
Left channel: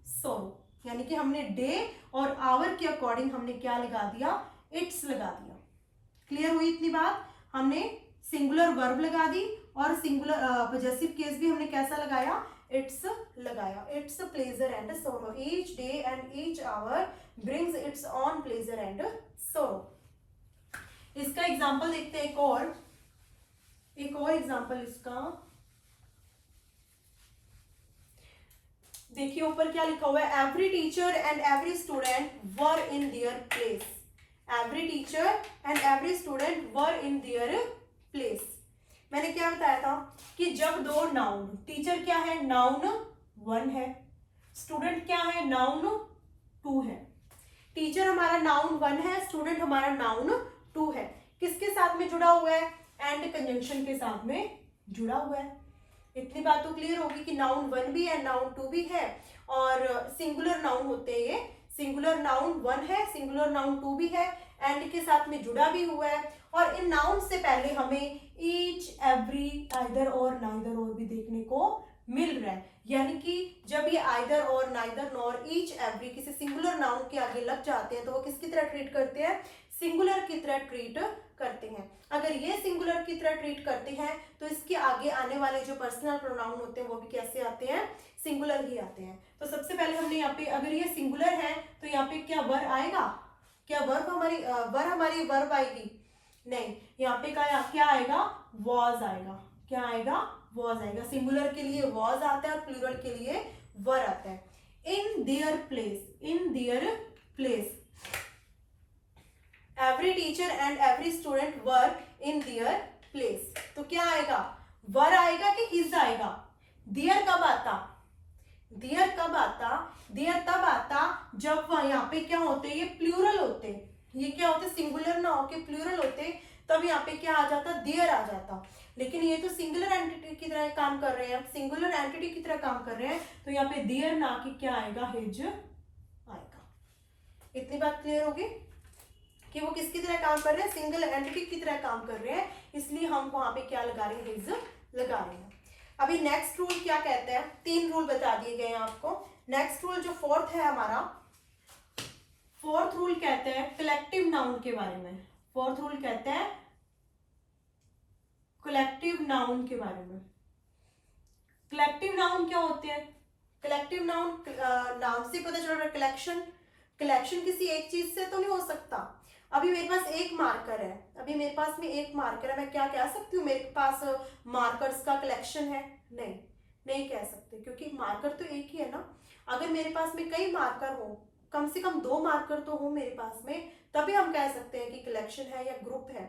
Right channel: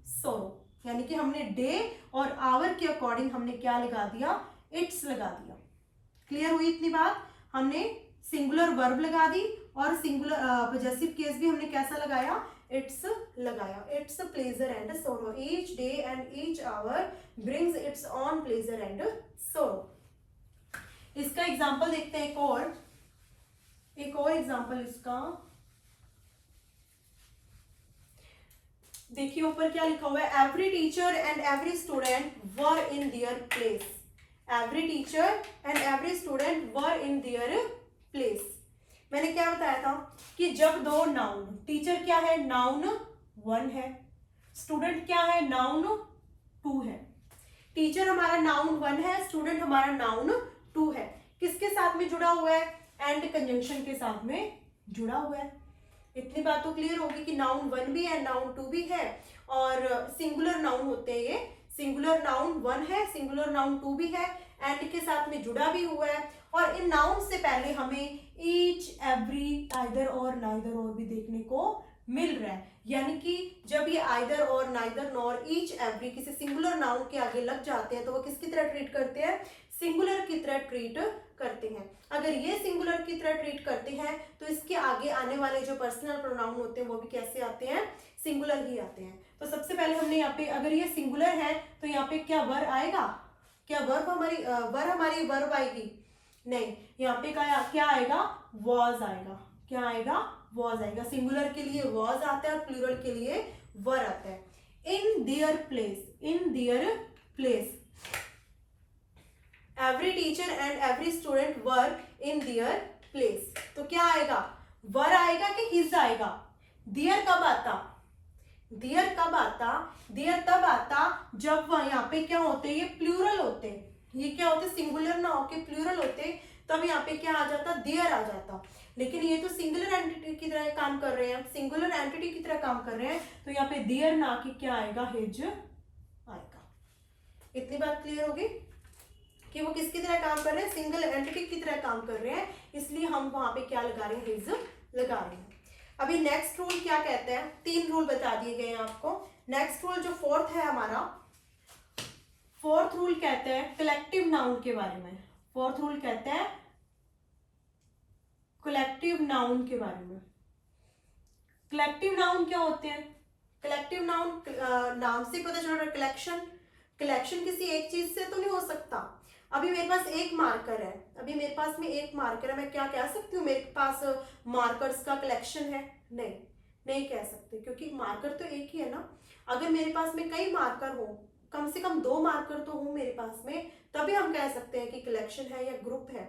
सोरो, यानी कि हमने डे और आवर के अकॉर्डिंग हमने क्या लगा दिया, इट्स लगा दिया। क्लियर हुई इतनी बात, हमने सिंगुलर वर्ब लगा दी और सिंगुलर पॉजेसिव केस भी हमने कैसा लगाया, इट्स लगाया। Its pleasure and sorrow, each day and each hour brings its own pleasure and sorrow. इसका एग्जांपल देखते हैं, एक और एग्जांपल इसका देखिए, ऊपर क्या लिखा हुआ है, every teacher and every student were in their place. Every teacher and every student were in their place. मैंने क्या बताया था कि जब दो नाउन, टीचर क्या है, नाउन 1 है, स्टूडेंट क्या है, नाउन 2 है। टीचर हमारा नाउन 1 है, स्टूडेंट हमारा नाउन 2 है। किसके साथ में जुड़ा हुआ है, एंड कंजंक्शन के साथ में जुड़ा हुआ है। इतनी बात तो क्लियर होगी कि नाउन 1 भी है, नाउन 2 भी है, और सिंगुलर नाउन होते हैं ये। सिंगुलर नाउन 1 है, सिंगुलर नाउन 2 भी है, एंड के साथ में जुड़ा भी हुआ है। और इन नाउन से पहले हमें ईच, एवरी, आइदर और, नाइदर और भी देखने को मिल रहा है। यानी कि जब ये आइदर और, नाइदर नॉर, ईच, एवरी किसी सिंगुलर नाउन के आगे लग जाते हैं तो वो किसकी तरह ट्रीट करते हैं, सिंगुलर की तरह ट्रीट करते हैं। अगर ये सिंगुलर की तरह ट्रीट करते हैं तो इसके आगे आने वाले जो पर्सनल प्रोनाउन होते हैं वो भी कैसे आते हैं, सिंगुलर ही आते हैं। तो सबसे पहले हमने यहाँ पे, अगर ये सिंगुलर है तो यहाँ पे क्या वर आएगा, क्या वर्ब हमारी वर्ब आएगी, नहीं, यहाँ पे क्या आएगा, वॉज आएगा। क्या आएगा, वॉज आएगा। सिंगुलर के लिए वॉज आता है और प्लूरल के लिए वर आता है। In their place, in their place, every teacher and every student were in their place. तो क्या आएगा, वर आएगा कि हिज आएगा। देयर कब आता, देयर कब आता, देयर तब आता जब यहाँ पे क्या होते, ये प्लूरल होते, ये क्या होते, सिंगुलर ना होके प्लूरल होते, तब यहाँ पे क्या आ जाता, देयर आ जाता। लेकिन ये तो सिंगुलर एंटिटी की तरह काम कर रहे हैं, सिंगुलर एंटिटी की तरह काम कर रहे हैं, तो यहाँ पे देयर ना कि क्या आएगा, हिज आएगा। इतनी बात क्लियर होगी कि वो किसकी तरह काम कर रहे हैं, सिंगल एंटिटी की तरह काम कर रहे हैं, इसलिए हम वहां पे क्या लगा रहे हैं, हिज लगा रहे हैं। अभी नेक्स्ट रूल क्या कहते हैं, 3 रूल बता दिए गए हैं आपको। नेक्स्ट रूल जो फोर्थ है हमारा, फोर्थ रूल कहते हैं कलेक्टिव नाउन के बारे में। फोर्थ रूल कहते हैं कलेक्टिव नाउन के बारे में। कलेक्टिव नाउन क्या होते हैं, कलेक्टिव नाउन नाम से पता चल रहा है कलेक्शन, कलेक्शन किसी एक चीज से तो नहीं हो सकता। अभी मेरे पास एक मार्कर है, अभी मेरे पास में एक मार्कर है, मैं क्या कह सकती हूँ मेरे पास मार्कर्स का कलेक्शन है, नहीं, नहीं कह सकते, क्योंकि मार्कर तो एक ही है ना। अगर मेरे पास में कई मार्कर हो, कम से कम 2 मार्कर तो हो मेरे पास में, तभी हम कह सकते हैं कि कलेक्शन है या ग्रुप है।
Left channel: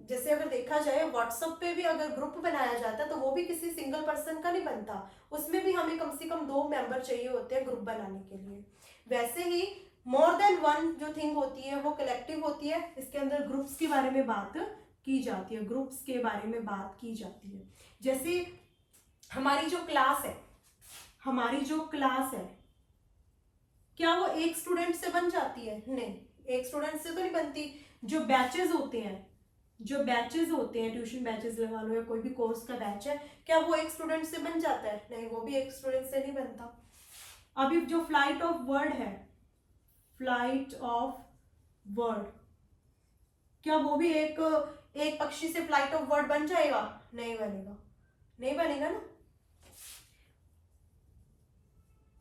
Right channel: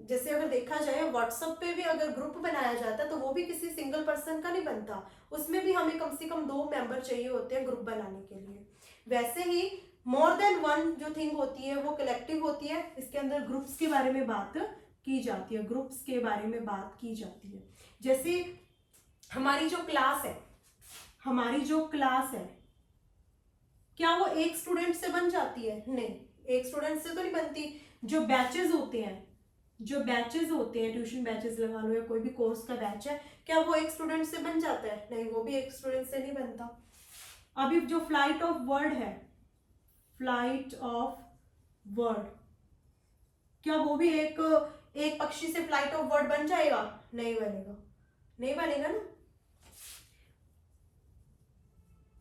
जैसे अगर देखा जाए व्हाट्सएप पे भी अगर ग्रुप बनाया जाता है तो वो भी किसी सिंगल पर्सन का नहीं बनता, उसमें भी हमें कम से कम 2 मेंबर चाहिए होते हैं ग्रुप बनाने के लिए। वैसे ही मोर देन वन जो थिंग होती है वो कलेक्टिव होती है, इसके अंदर ग्रुप्स के बारे में बात की जाती है, ग्रुप्स के बारे में बात की जाती है। जैसे हमारी जो क्लास है, हमारी जो क्लास है, क्या वो एक स्टूडेंट से बन जाती है, नहीं, एक स्टूडेंट से तो नहीं बनती। जो बैचेस होते हैं, जो बैचेस होते हैं, ट्यूशन बैचेस लगा लो या कोई भी कोर्स का बैच है, क्या वो एक स्टूडेंट से बन जाता है, नहीं, वो भी एक स्टूडेंट से नहीं बनता। अभी जो फ्लाइट ऑफ वर्ड है, फ्लाइट ऑफ वर्ड, क्या वो भी एक पक्षी से फ्लाइट ऑफ वर्ड बन जाएगा, नहीं बनेगा, नहीं बनेगा ना।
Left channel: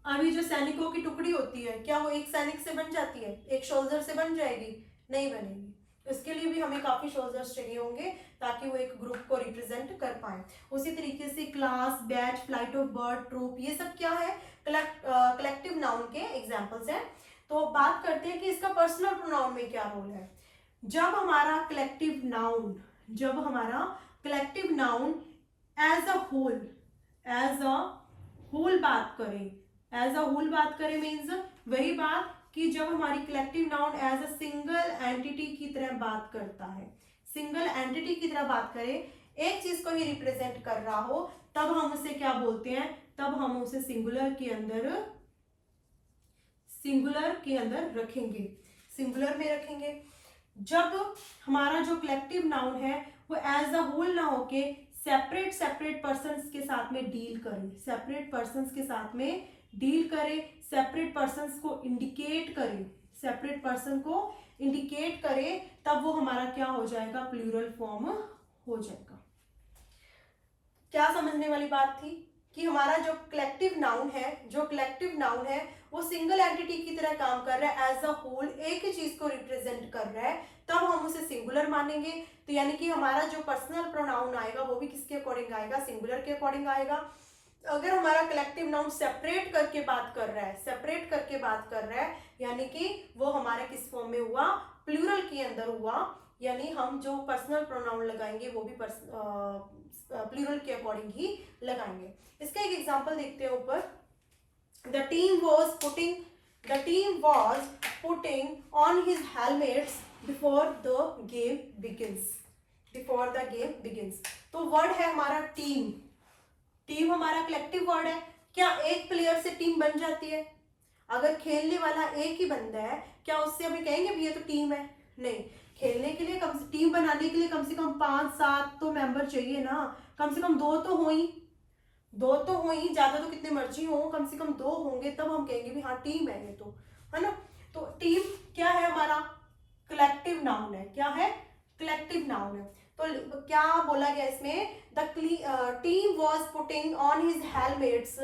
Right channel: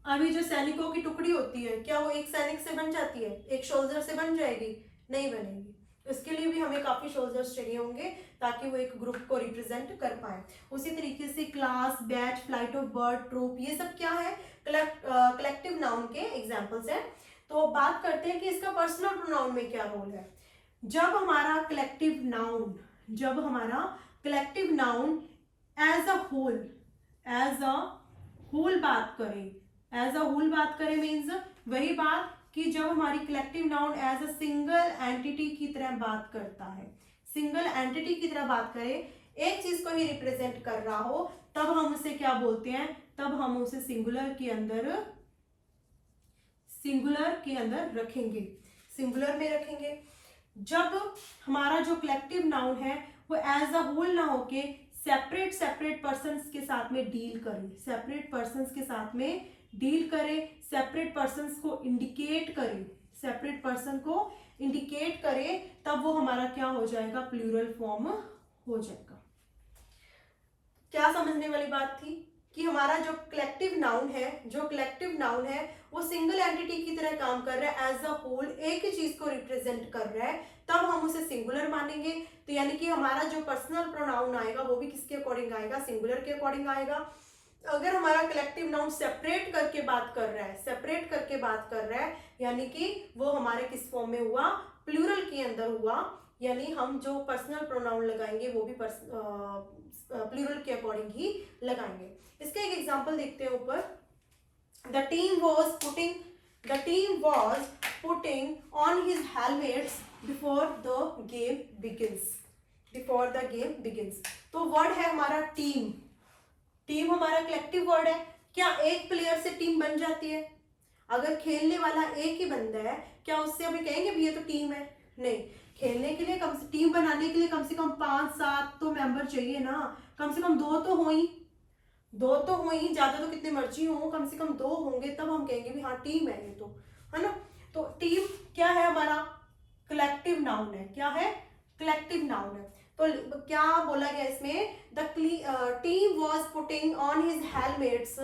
अभी जो सैनिकों की टुकड़ी होती है, क्या वो एक सैनिक से बन जाती है, एक सोल्जर से बन जाएगी, नहीं बनेगी। इसके लिए भी हमें काफी सोल्जर्स चाहिए होंगे ताकि वो एक ग्रुप को रिप्रेजेंट कर पाए। उसी तरीके से class, batch, flight of bird, troop, ये सब क्या है, कलेक्टिव नाउन के एग्जांपल्स हैं। तो बात करते हैं कि इसका पर्सनल प्रोनाउन में क्या रोल है। जब हमारा कलेक्टिव नाउन, जब हमारा collective noun as a whole बात करे, एज अ होल बात करे मीन्स वही बात कि जब हमारी collective noun as a single entity की तरह बात करता है, सिंगल एंटिटी की तरह बात करे, एक चीज को ही रिप्रेजेंट कर रहा हो, तब हम उसे क्या बोलते हैं, तब हम उसे सिंगुलर के अंदर रखेंगे, सिंगुलर में रखेंगे। जब हमारा जो कलेक्टिव नाउन है वो एज अ होल ना होके सेपरेट पर्सन्स के साथ में डील करे, सेपरेट पर्सन्स के साथ में डील करे, सेपरेट पर्सन्स को इंडिकेट करे, सेपरेट पर्सन को इंडिकेट करे, तब वो हमारा क्या हो जाएगा, प्लूरल फॉर्म हो जाएगा। क्या समझने वाली बात थी कि हमारा जो कलेक्टिव नाउन है, वो सिंगल एंटिटी की तरह काम कर रहा है, एज अ होल एक ही चीज को रिप्रेजेंट कर रहा है, तब हम उसे सिंगुलर मानेंगे। तो यानी कि हमारा जो पर्सनल प्रोनाउन आएगा वो भी किसके अकॉर्डिंग आएगा, सिंगुलर के अकॉर्डिंग आएगा। अगर हमारा कलेक्टिव नाउन सेपरेट करके बात कर रहा है, यानी कि वो हमारे किस फॉर्म में हुआ, प्लूरल के अंदर हुआ, यानी हम जो पर्सनल प्रोनाउन लगाएंगे वो भी प्लूरल के अकॉर्डिंग ही लगाएंगे। इसका एक एग्जांपल देखते हैं ऊपर। The team was putting on his helmets before the game begins। तो वर्ड है हमारा टीम। टीम हमारा कलेक्टिव वर्ड है। क्या एक प्लेयर से टीम बन जाती है? अगर खेलने वाला एक ही बंदा है, क्या उससे अभी कहेंगे भी ये तो टीम है? नहीं। खेलने के लिए टीम बनाने के लिए कम से कम 5-7 तो मेंबर चाहिए ना, कम से कम 2 तो हो ही, ज्यादा तो कितने मर्जी हो, कम से कम 2 होंगे, तब हम कहेंगे भी हाँ टीम है ये तो, है ना। तो टीम क्या है हमारा? कलेक्टिव नाउन है। क्या है? कलेक्टिव नाउन है। तो क्या बोला गया इसमें? The team was putting on his helmets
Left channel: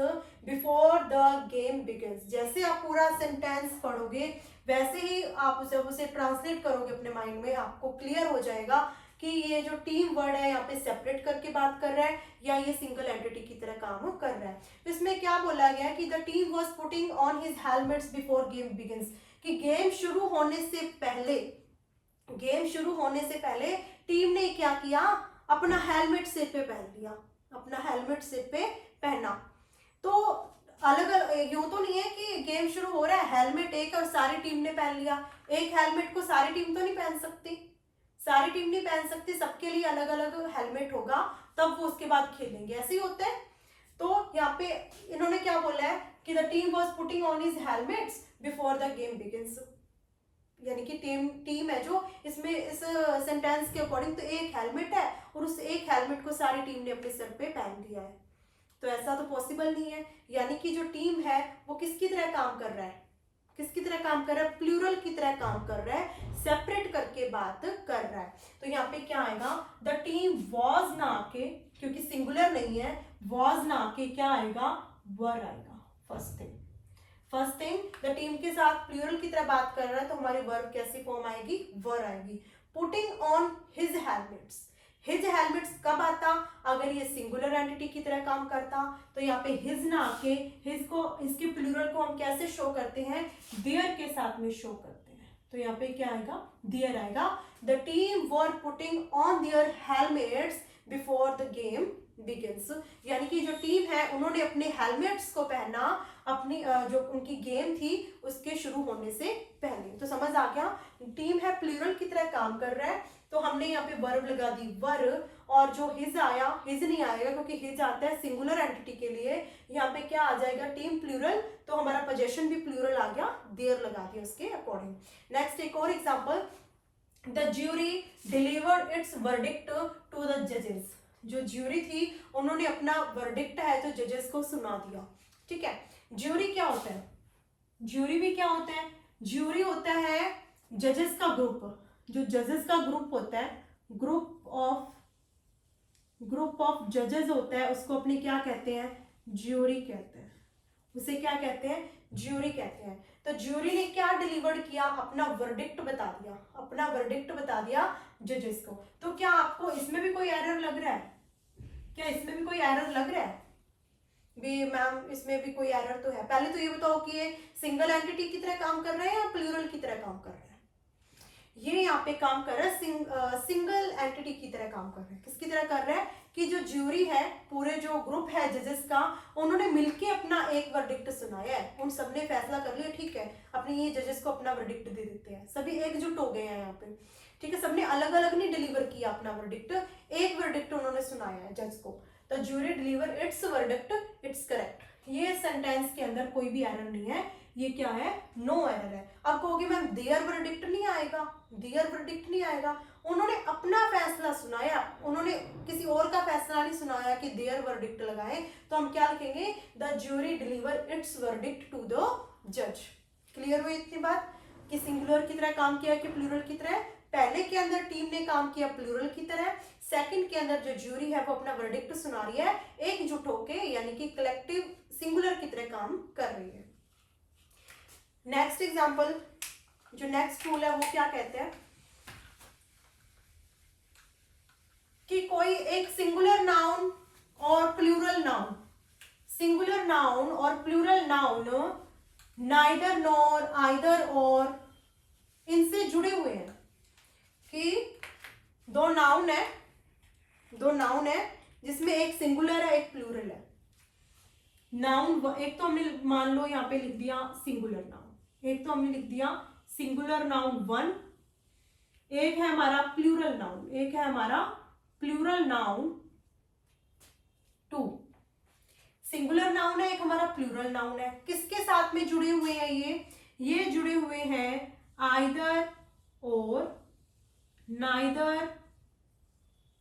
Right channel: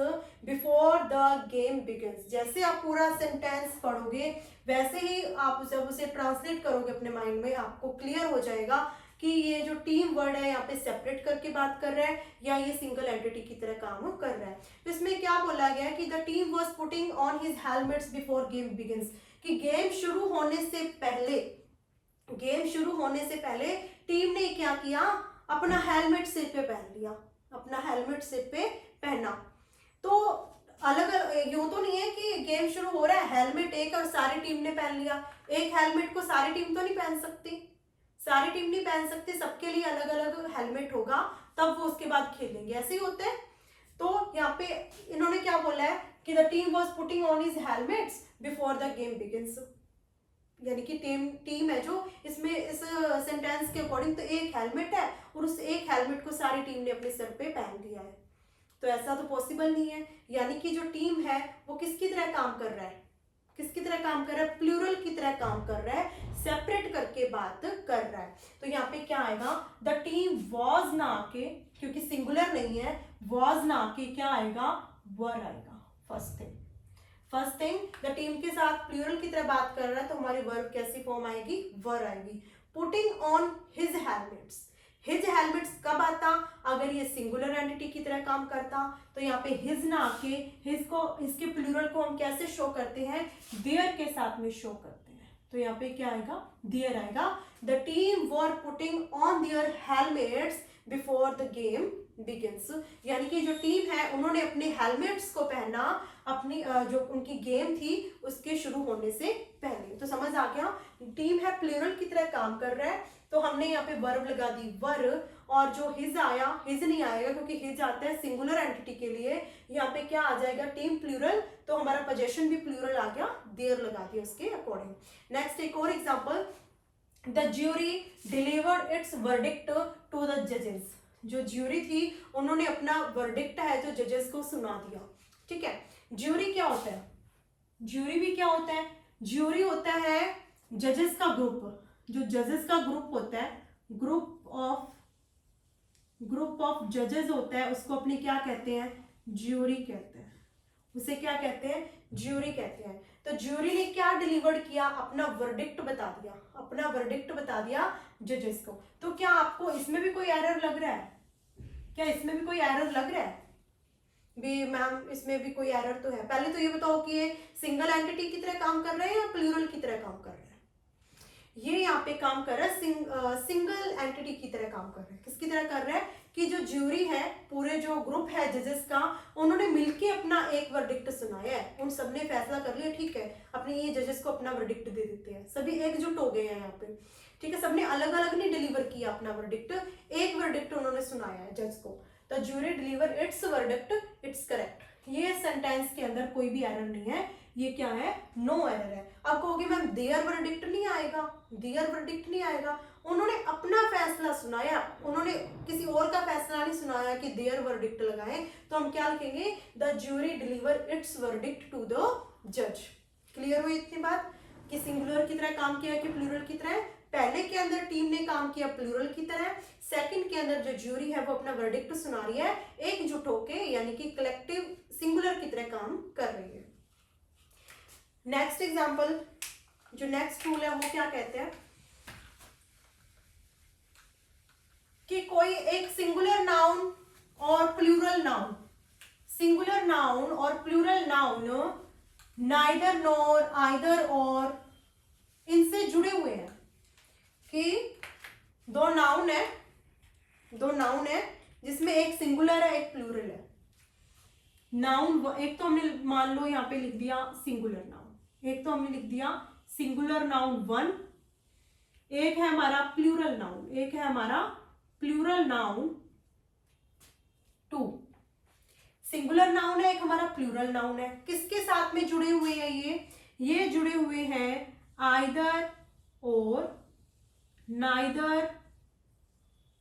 before the game begins. जैसे आप पूरा सेंटेंस पढ़ोगे वैसे ही आप उसे ट्रांसलेट करोगे अपने माइंड में, आपको क्लियर हो जाएगा कि ये जो टीम वर्ड है यहाँ पे सेपरेट करके बात कर रहा है या ये सिंगल एंटिटी की तरह काम कर रहा है। तो इसमें क्या बोला गया कि the team was putting on his helmets before game begins, कि गेम शुरू होने से पहले टीम ने क्या किया? अपना हेलमेट सिर पे पहन लिया, अपना हेलमेट सिर पे पहना। तो अलग अलग यूं तो नहीं है कि गेम शुरू हो रहा है, हेलमेट एक और सारी टीम ने पहन लिया। एक हेलमेट को सारी टीम तो नहीं पहन सकती, सबके लिए अलग अलग हेलमेट होगा, तब वो उसके बाद खेलेंगे, ऐसे ही होता है। तो यहाँ पे इन्होंने क्या बोला है कि the team was putting on his helmets before the game begins, यानी कि टीम है जो इसमें इस सेंटेंस के अकॉर्डिंग तो एक हेलमेट है और उस एक हेलमेट को सारी टीम ने अपने सर पे पहन दिया है। तो ऐसा तो पॉसिबल नहीं है, यानी कि जो टीम है वो किसकी तरह काम कर रहा है? प्लूरल की तरह काम कर रहा है, सेपरेट करके बात कर रहा है। तो यहाँ पे क्या आएगा? द टीम वॉज ना के, क्योंकि सिंगुलर नहीं है, वॉज ना के क्या आएगा? वर आएगा। फर्स्ट थिंग द टीम के साथ प्लूरल की तरह बात कर रहा है, तो हमारी वर्ब कैसी फॉर्म आएगी? वर आएगी। Putting on his helmets, his helmets कब आता? अगर ये सिंगुलर एंटिटी की तरह काम करता। तो यहाँ पे हिज ना आके हिज को, इसके प्लूरल को हम कैसे शो करते हैं? देयर के साथ में शो करते हैं। तो यहाँ पे क्या आएगा? देयर आएगा। The team were putting on their helmets before the game begins, यानी कि जो टीम है उन्होंने अपने हेलमेट्स को पहना अपनी जो उनकी गेम थी उसके शुरू होने से पहले। तो समझ आ गया? टीम है प्लूरल की तरह काम कर रहा है, तो हमने यहाँ पे वर्ब लगा दी वर, और जो हिज आया, हिज नहीं आएगा क्योंकि हिज आता है सिंगुलर एंटिटी के लिए। यहाँ पे क्या आ जाएगा? टीम प्लूरल, तो हमारा पोजेशन भी प्लूरल आ गया, देयर लगा दिया उसके अकॉर्डिंग। नेक्स्ट एक और example, the jury delivered its verdict to the जजेस। जो ज्यूरी थी उन्होंने अपना वर्डिक्ट है जो जजेस को सुना दिया। ठीक है, ज्यूरी क्या होता है? ज्यूरी भी क्या होता है? ज्यूरी होता है जजेस का ग्रुप। जो जजेस का ग्रुप होता है, ग्रुप ऑफ जजेस होता है, उसको अपने क्या कहते हैं? ज्यूरी कहते हैं। उसे क्या कहते हैं? ज्यूरी कहते हैं। तो ज्यूरी ने क्या डिलीवर्ड किया? अपना वर्डिक्ट बता दिया जजेस को। तो क्या आपको इसमें भी कोई एरर लग रहा है? मैम इसमें भी कोई एरर तो है। पहले तो ये बताओ कि ये सिंगल एंटिटी की तरह काम कर रहे हैं या प्लूरल की तरह काम कर रहे हैं? ये यहाँ पे काम कर रहा है सिंगल एंटिटी की तरह काम कर रहा है। किसकी तरह कर रहा है? कि जो ज्यूरी है, पूरे जो ग्रुप है जजेस का, उन्होंने मिलके अपना एक वर्डिक्ट सुनाया है। उन सबने फैसला कर लिया, ठीक है अपने ये जजेस को अपना वर्डिक्ट दे देते हैं। सभी एकजुट हो गए हैं यहाँ पे, ठीक है। सबने अलग अलग नहीं डिलीवर किया अपना वर्डिक्ट, एक वर्डिक्ट उन्होंने सुनाया है जज को। The jury deliver its verdict, it's correct. ये सेंटेंस के अंदर कोई भी एरर नहीं है, ये क्या है? नो एरर है। अब कहोगे मैम देयर वर्डिक्ट नहीं आएगा। उन्होंने अपना फैसला सुनाया, उन्होंने किसी और का फैसला नहीं सुनाया कि देयर वर्डिक्ट लगाएं। तो हम क्या लिखेंगे? The jury deliver its verdict to the जज। क्लियर हुई इतनी बात कि सिंगुलर की तरह काम किया कि प्लूरल की तरह? पहले के अंदर टीम ने काम किया प्लूरल की तरह, सेकंड के अंदर जो ज्यूरी है वो अपना वर्डिक्ट सुना रही है एकजुट होके, यानी कि कलेक्टिव सिंगुलर की तरह काम कर रही है। नेक्स्ट एग्जांपल, जो नेक्स्ट रूल है वो क्या कहते हैं कि कोई एक सिंगुलर नाउन और plural noun neither nor either और इनसे जुड़े हुए हैं। कि दो नाउन है जिसमें एक सिंगुलर है एक प्लूरल है। नाउन एक तो हमने मान लो यहाँ पे लिख दिया सिंगुलर नाउन, एक तो हमने लिख दिया सिंगुलर नाउन 1, एक है हमारा प्लूरल नाउन, एक है हमारा प्लूरल नाउन 2। सिंगुलर नाउन है, एक हमारा प्लूरल नाउन है। किसके साथ में जुड़े हुए हैं ये जुड़े हुए हैं आइदर और, नाइदर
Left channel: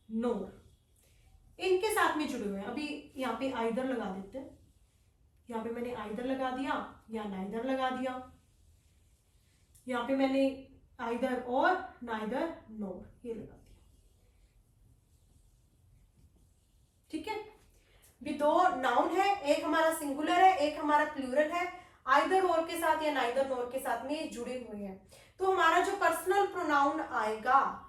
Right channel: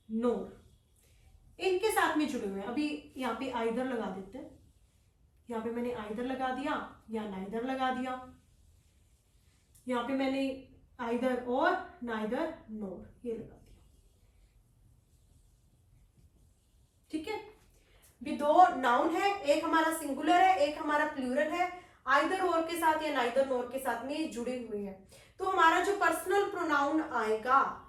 नोर, इनके साथ में जुड़े हुए हैं। अभी यहाँ पे आइदर लगा देते हैं, यहाँ पे मैंने आइदर लगा दिया या नाइदर लगा दिया, यहाँ पे मैंने आइदर और नाइदर नोर ये लगा दिया। ठीक है, भी दो नाउन है, एक हमारा सिंगुलर है एक हमारा प्लूरल है, आइदर और के साथ या नाइदर नोर के साथ में जुड़े हुए हैं। तो हमारा जो पर्सनल प्रोनाउन आएगा,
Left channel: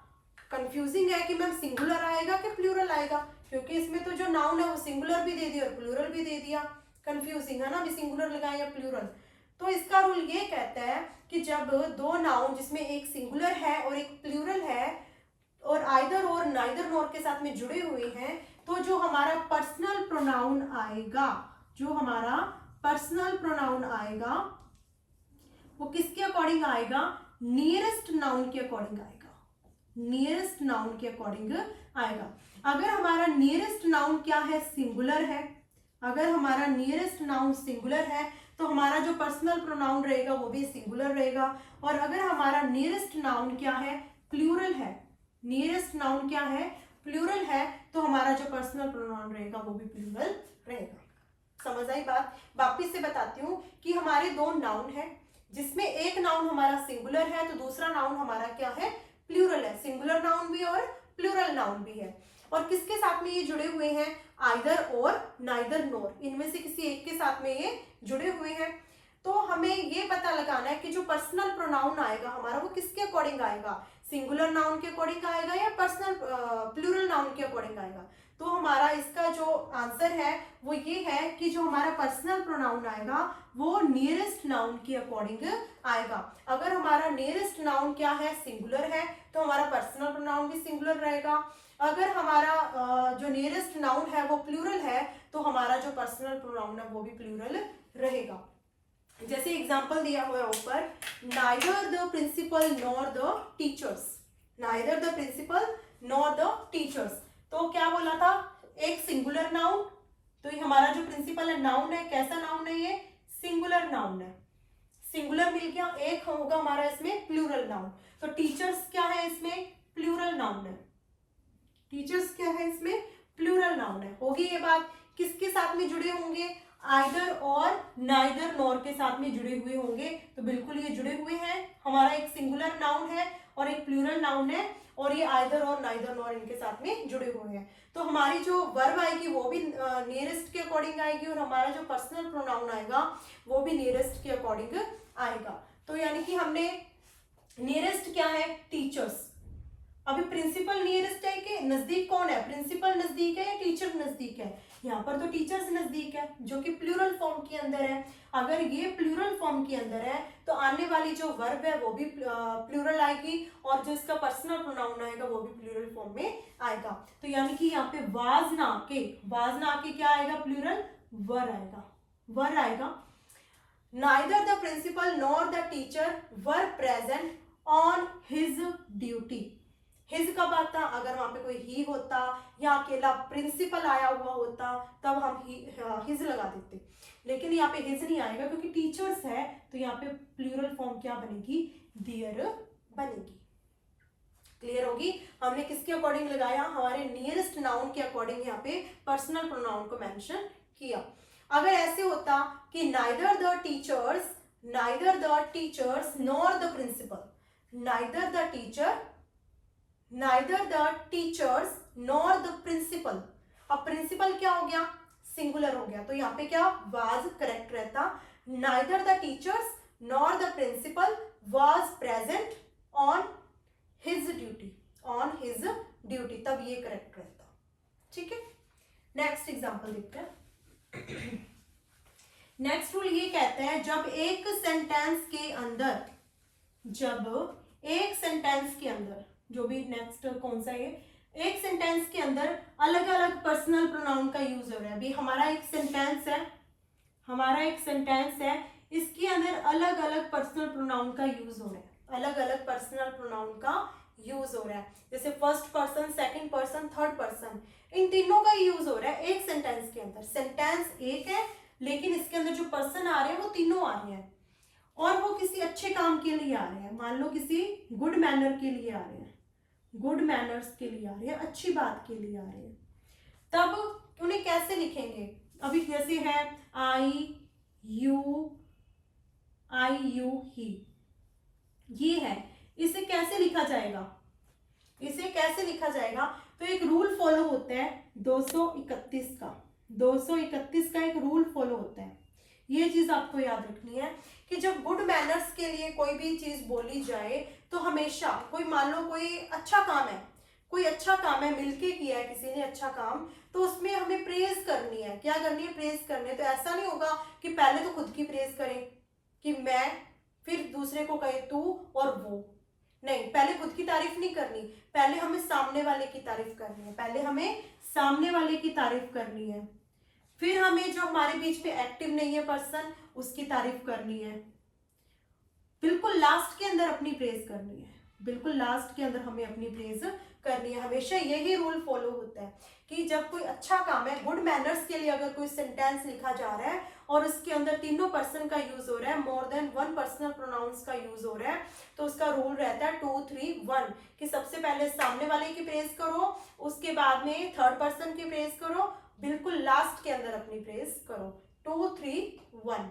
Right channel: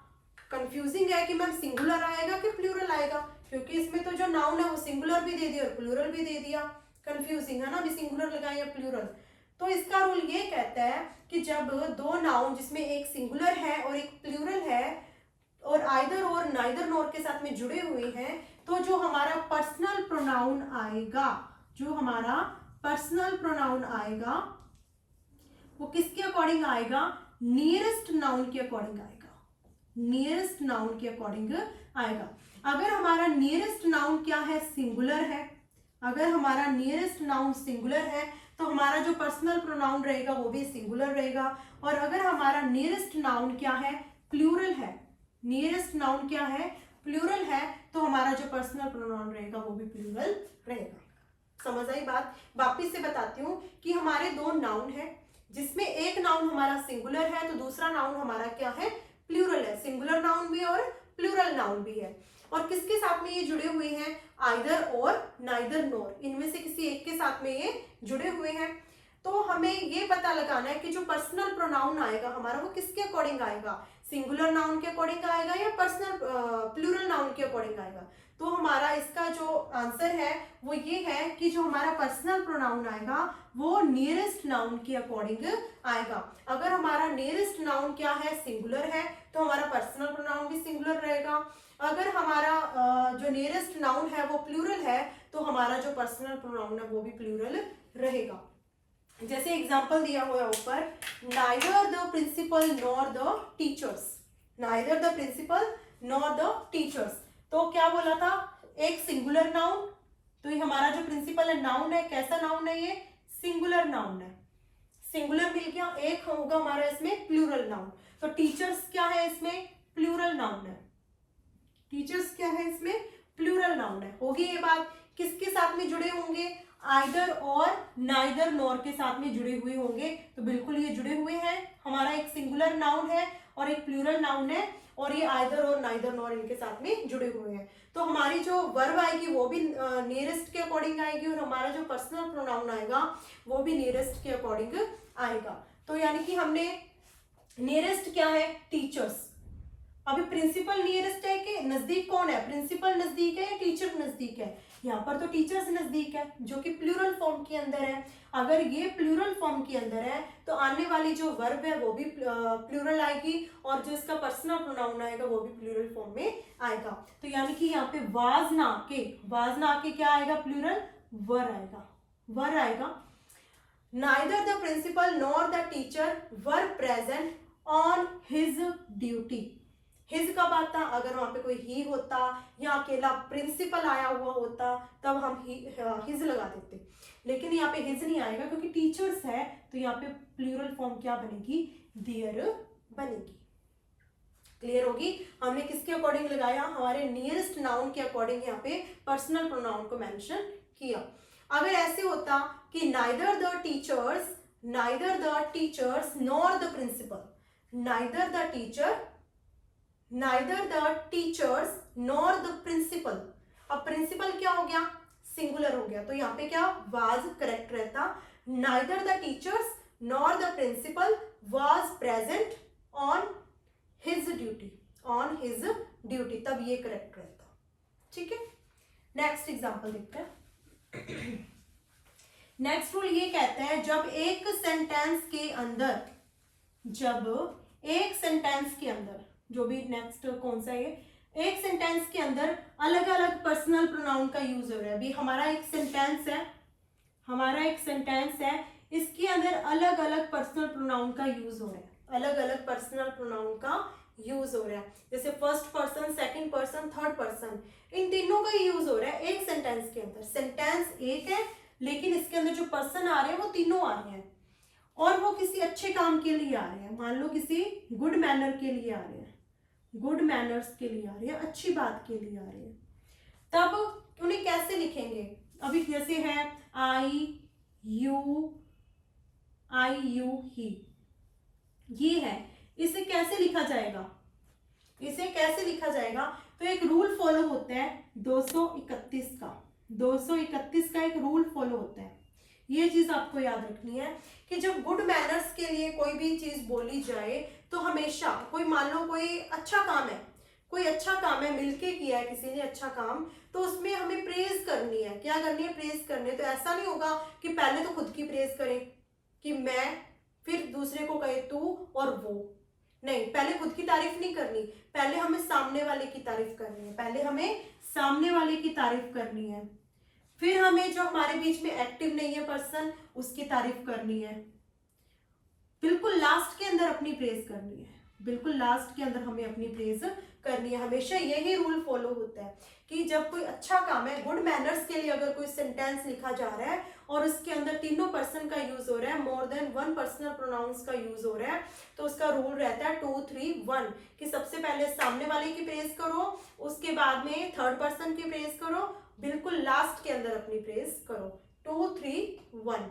कंफ्यूजिंग है कि मैम सिंगुलर आएगा कि प्लूरल आएगा, क्योंकि इसमें तो जो नाउन है वो सिंगुलर भी दे दिया और प्लूरल भी दे दिया। कंफ्यूजिंग है ना, अभी सिंगुलर लगाए या प्लूरल। तो इसका रूल ये कहता है कि जब दो नाउन जिसमें एक सिंगुलर है और एक प्लूरल है और आइदर और नाइदर नोर के साथ में जुड़े हुए हैं, तो जो हमारा पर्सनल प्रोनाउन आएगा, जो हमारा पर्सनल प्रोनाउन आएगा वो किसके अकॉर्डिंग आएगा, नियरेस्ट नाउन के अकॉर्डिंग आएगा, नियरेस्ट नाउन के अकॉर्डिंग आएगा। अगर हमारा नियरेस्ट नाउन क्या है, सिंगुलर है, अगर हमारा नियरेस्ट नाउन सिंगुलर है तो हमारा जो पर्सनल प्रोनाउन रहेगा वो भी सिंगुलर रहेगा। और अगर हमारा नियरेस्ट नाउन क्या है, प्लूरल है, नियरेस्ट नाउन क्या है, प्लूरल है, तो हमारा जो पर्सनल प्रोनाउन रहेगा वो भी प्लूरल रहेगा। समझ आई बात? वापिस से बताती हूँ कि हमारे दो नाउन है जिसमें एक नाउन हमारा सिंगुलर है तो दूसरा नाउन हमारा क्या है, प्लूरल है। सिंगुलर नाउन भी और प्लूरल नाउन भी है। और किसके साथ में ये जुड़े हुए हैं, आइदर और नाइदर नोर, इनमें से किसी एक के साथ में ये जुड़े हुए हैं। तो हमें ये पता लगाना है कि जो पर्सनल प्रोनाउन आएगा हमारा वो किसके अकॉर्डिंग आएगा, सिंगुलर नाउन के अकॉर्डिंग आएगा या पर्सनल प्लूरल नाउन के अकॉर्डिंग आएगा। तो हमारा इसका जो आंसर है वो ये है कि जो हमारा पर्सनल प्रोनाउन आएगा वो नियरेस्ट नाउन के अकॉर्डिंग आएगा। अगर हमारा नियरेस्ट नाउन क्या है, सिंगुलर है, तो हमारा पर्सनल प्रोनाउन भी सिंगुलर रहेगा। अगर हमारा जो नियरेस्ट नाउन है वो प्लूरल है तो हमारा जो पर्सनल प्रोनाउन है वो भी प्लूरल रहेगा। जैसे एग्जांपल दिया हुआ है ऊपर, neither the principal nor the teachers, neither the principal nor the teachers. तो क्या बोला था, एक सिंगुलर नाउन, तो ये हमारा जो प्रिंसिपल है नाउन है, कैसा नाउन है ये, सिंगुलर नाउन है, सिंगुलर मिल गया। एक होगा हमारा इसमें प्लूरल नाउन, तो टीचर्स क्या है इसमें, प्लूरल नाउन है, टीचर्स क्या है इसमें, प्लूरल नाउन है। होगी ये बात। किसके साथ में जुड़े होंगे, आइदर और नाइदर नॉर के साथ में जुड़े हुए होंगे। तो बिल्कुल ये जुड़े हुए हैं, हमारा एक सिंगुलर नाउन है और एक प्लूरल नाउन है और ये आइदर और नाइदर नॉर इनके साथ में जुड़े हुए हैं। तो हमारी जो वर्ब आएगी वो भी नियरेस्ट के अकॉर्डिंग आएगी और हमारा जो पर्सनल प्रोनाउन आएगा वो भी नियरेस्ट के अकॉर्डिंग आएगा। तो यानी कि हमने नियरेस्ट क्या है, टीचर्स। अभी प्रिंसिपल नियरेस्ट है कि नजदीक कौन है, प्रिंसिपल नजदीक है या टीचर नजदीक है, यहाँ पर तो टीचर्स नजदीक है जो कि प्लूरल फॉर्म के अंदर है। अगर ये प्लूरल फॉर्म के अंदर है तो आने वाली जो वर्ब है वो भी प्लूरल आएगी और जो इसका पर्सनल प्रोनाउन आएगा वो भी प्लूरल फॉर्म में आएगा। तो यानी कि यहाँ पे वाज ना के क्या आएगा, प्लूरल वर आएगा, वर आएगा। Neither the principal nor the teacher were present on his duty. His कब आता, अगर वहां पे कोई ही होता या अकेला प्रिंसिपल आया हुआ होता तब हम हिज लगा देते, लेकिन यहाँ पे हिज नहीं आएगा क्योंकि टीचर्स है। तो यहाँ पे प्लूरल फॉर्म क्या बनेगी, देयर बनेगी। क्लियर होगी? हमने किसके अकॉर्डिंग लगाया, हमारे नियरेस्ट नाउन के अकॉर्डिंग यहाँ पे पर्सनल प्रोनाउन को मेंशन किया। अगर ऐसे होता कि neither the teachers nor the principal, neither the teachers nor the principal. अब प्रिंसिपल क्या हो गया, सिंगुलर हो गया, तो यहाँ पे क्या वाज करेक्ट रहता, neither the teachers nor the principal was present on his duty, तब ये करेक्ट रहता। ठीक है, नेक्स्ट एग्जांपल देखते हैं। नेक्स्ट रूल ये कहता है जब एक सेंटेंस के अंदर जो भी नेक्स्ट कौन सा है, एक सेंटेंस के अंदर अलग अलग पर्सनल प्रोनाउन का यूज हो रहा है। अभी हमारा एक सेंटेंस है, इसके अंदर अलग अलग पर्सनल प्रोनाउन का यूज हो रहा है, अलग अलग पर्सनल प्रोनाउन का यूज हो रहा है। जैसे first person, second person, third person, इन तीनों का यूज हो रहा है एक सेंटेंस के अंदर। सेंटेंस एक है लेकिन इसके अंदर जो पर्सन आ रहे हैं वो तीनों आ रहे हैं, और वो किसी अच्छे काम के लिए आ रहे हैं। मान लो किसी गुड मैनर के लिए आ रहे हैं, गुड मैनर्स के लिए आ रहे हैं, अच्छी बात के लिए आ रहे हैं। तब उन्हें कैसे लिखेंगे? अभी जैसे है आई यू ही, ये है, इसे कैसे लिखा जाएगा? इसे कैसे लिखा जाएगा? तो एक रूल फॉलो होता है 231 का, 231 का एक रूल फॉलो होता है। ये चीज आपको याद रखनी है कि जब गुड मैनर्स के लिए कोई भी चीज बोली जाए तो हमेशा, कोई मान लो कोई अच्छा काम है, कोई अच्छा काम है, मिलके किया है किसी ने अच्छा काम, तो उसमें हमें प्रेज करनी है। क्या करनी है? प्रेज करनी है। तो ऐसा नहीं होगा कि पहले तो खुद की प्रेज करें कि मैं, फिर दूसरे को कहे तू और वो, नहीं, पहले खुद की तारीफ नहीं करनी, पहले हमें सामने वाले की तारीफ करनी है, पहले हमें सामने वाले की तारीफ करनी है, फिर हमें जो हमारे बीच में एक्टिव नहीं है पर्सन उसकी तारीफ करनी है, बिल्कुल लास्ट के अंदर अपनी प्रेज करनी है, बिल्कुल लास्ट के अंदर हमें अपनी प्रेज करनी है। हमेशा यही रूल फॉलो होता है कि जब कोई अच्छा काम है, गुड मैनर्स के लिए अगर कोई सेंटेंस लिखा जा रहा है और उसके अंदर तीनों पर्सन का यूज हो रहा है, more than one personal pronouns का यूज हो रहा है, तो उसका रूल रहता है 2 3 1 कि सबसे पहले सामने वाले की प्रेज करो, उसके बाद में थर्ड पर्सन की प्रेज करो, बिल्कुल लास्ट के अंदर अपनी प्रेज करो। 2 3 1।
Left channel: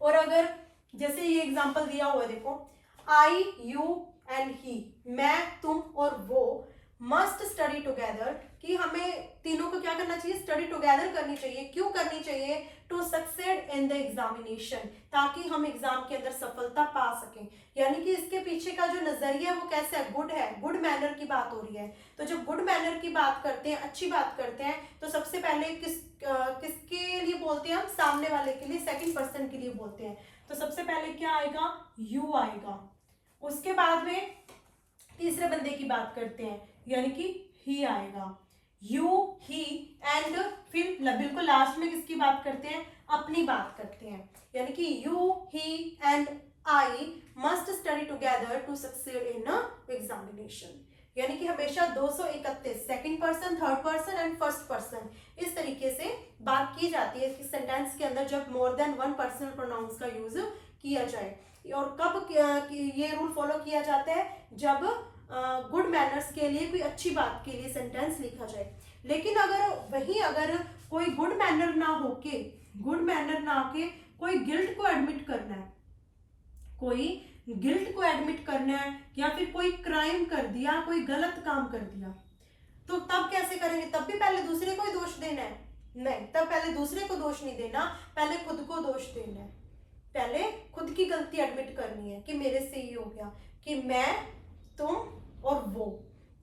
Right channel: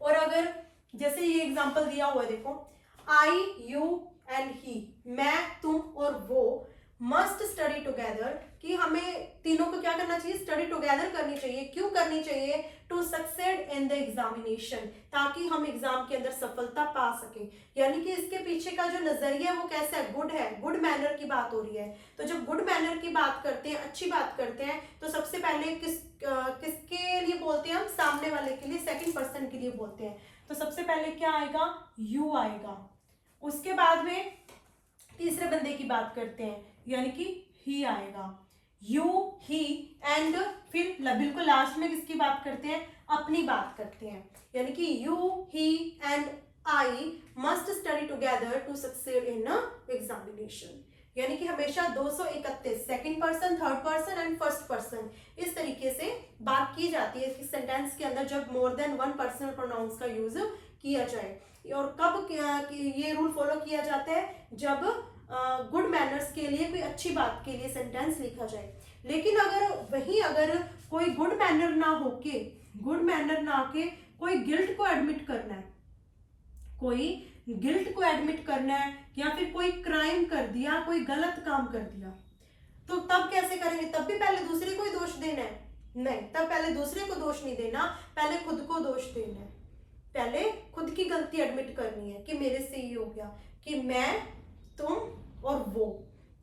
और अगर जैसे ये एग्जांपल दिया हुआ है, देखो, आई यू एंड ही, मैं तुम और वो, मस्ट स्टडी टुगेदर, कि हमें तीनों को क्या करना चाहिए? स्टडी टुगेदर करनी चाहिए। क्यों करनी चाहिए? To succeed in the examination, ताकि हम एग्जाम के अंदर सफलता पा सकें। यानी कि इसके पीछे का जो नजरिया वो कैसा है? गुड है, गुड मैनर की बात हो रही है। तो जब गुड मैनर की बात करते हैं, अच्छी बात करते हैं, तो सबसे पहले किसके लिए बोलते हैं हम? सामने वाले के लिए, सेकंड पर्सन के लिए बोलते हैं। तो सबसे पहले क्या आएगा? यू आएगा। उसके बाद में तीसरे बंदे की बात करते हैं, यानी कि ही आएगा, यू ही, एंड फिर बिल्कुल लास्ट में किसकी बात करते हैं? अपनी बात करते हैं, यानी कि you he and I must study together to succeed in examination. यानी कि हमेशा 231 second person, third person and first person, इस तरीके से बात की जाती है इस सेंटेंस के अंदर जब more than one personal pronouns का यूज किया जाए। और कब ये रूल फॉलो किया जाता है? जब गुड मैनर्स के लिए, कोई अच्छी बात के लिए सेंटेंस लिखा जाए। लेकिन अगर कोई गुड मैनर ना होके कोई गिल्ट को एडमिट करना है, कोई गिल्ट को एडमिट करना है, या फिर कोई क्राइम कर दिया, कोई गलत काम कर दिया, तो तब कैसे करेंगे? तब भी पहले दूसरे को ही दोष देना है? नहीं, तब पहले दूसरे को दोष नहीं देना, पहले खुद को दोष देना है। पहले खुद की गलती एडमिट करनी है कि मेरे से ये हो गया, कि मैं, तुम और वो,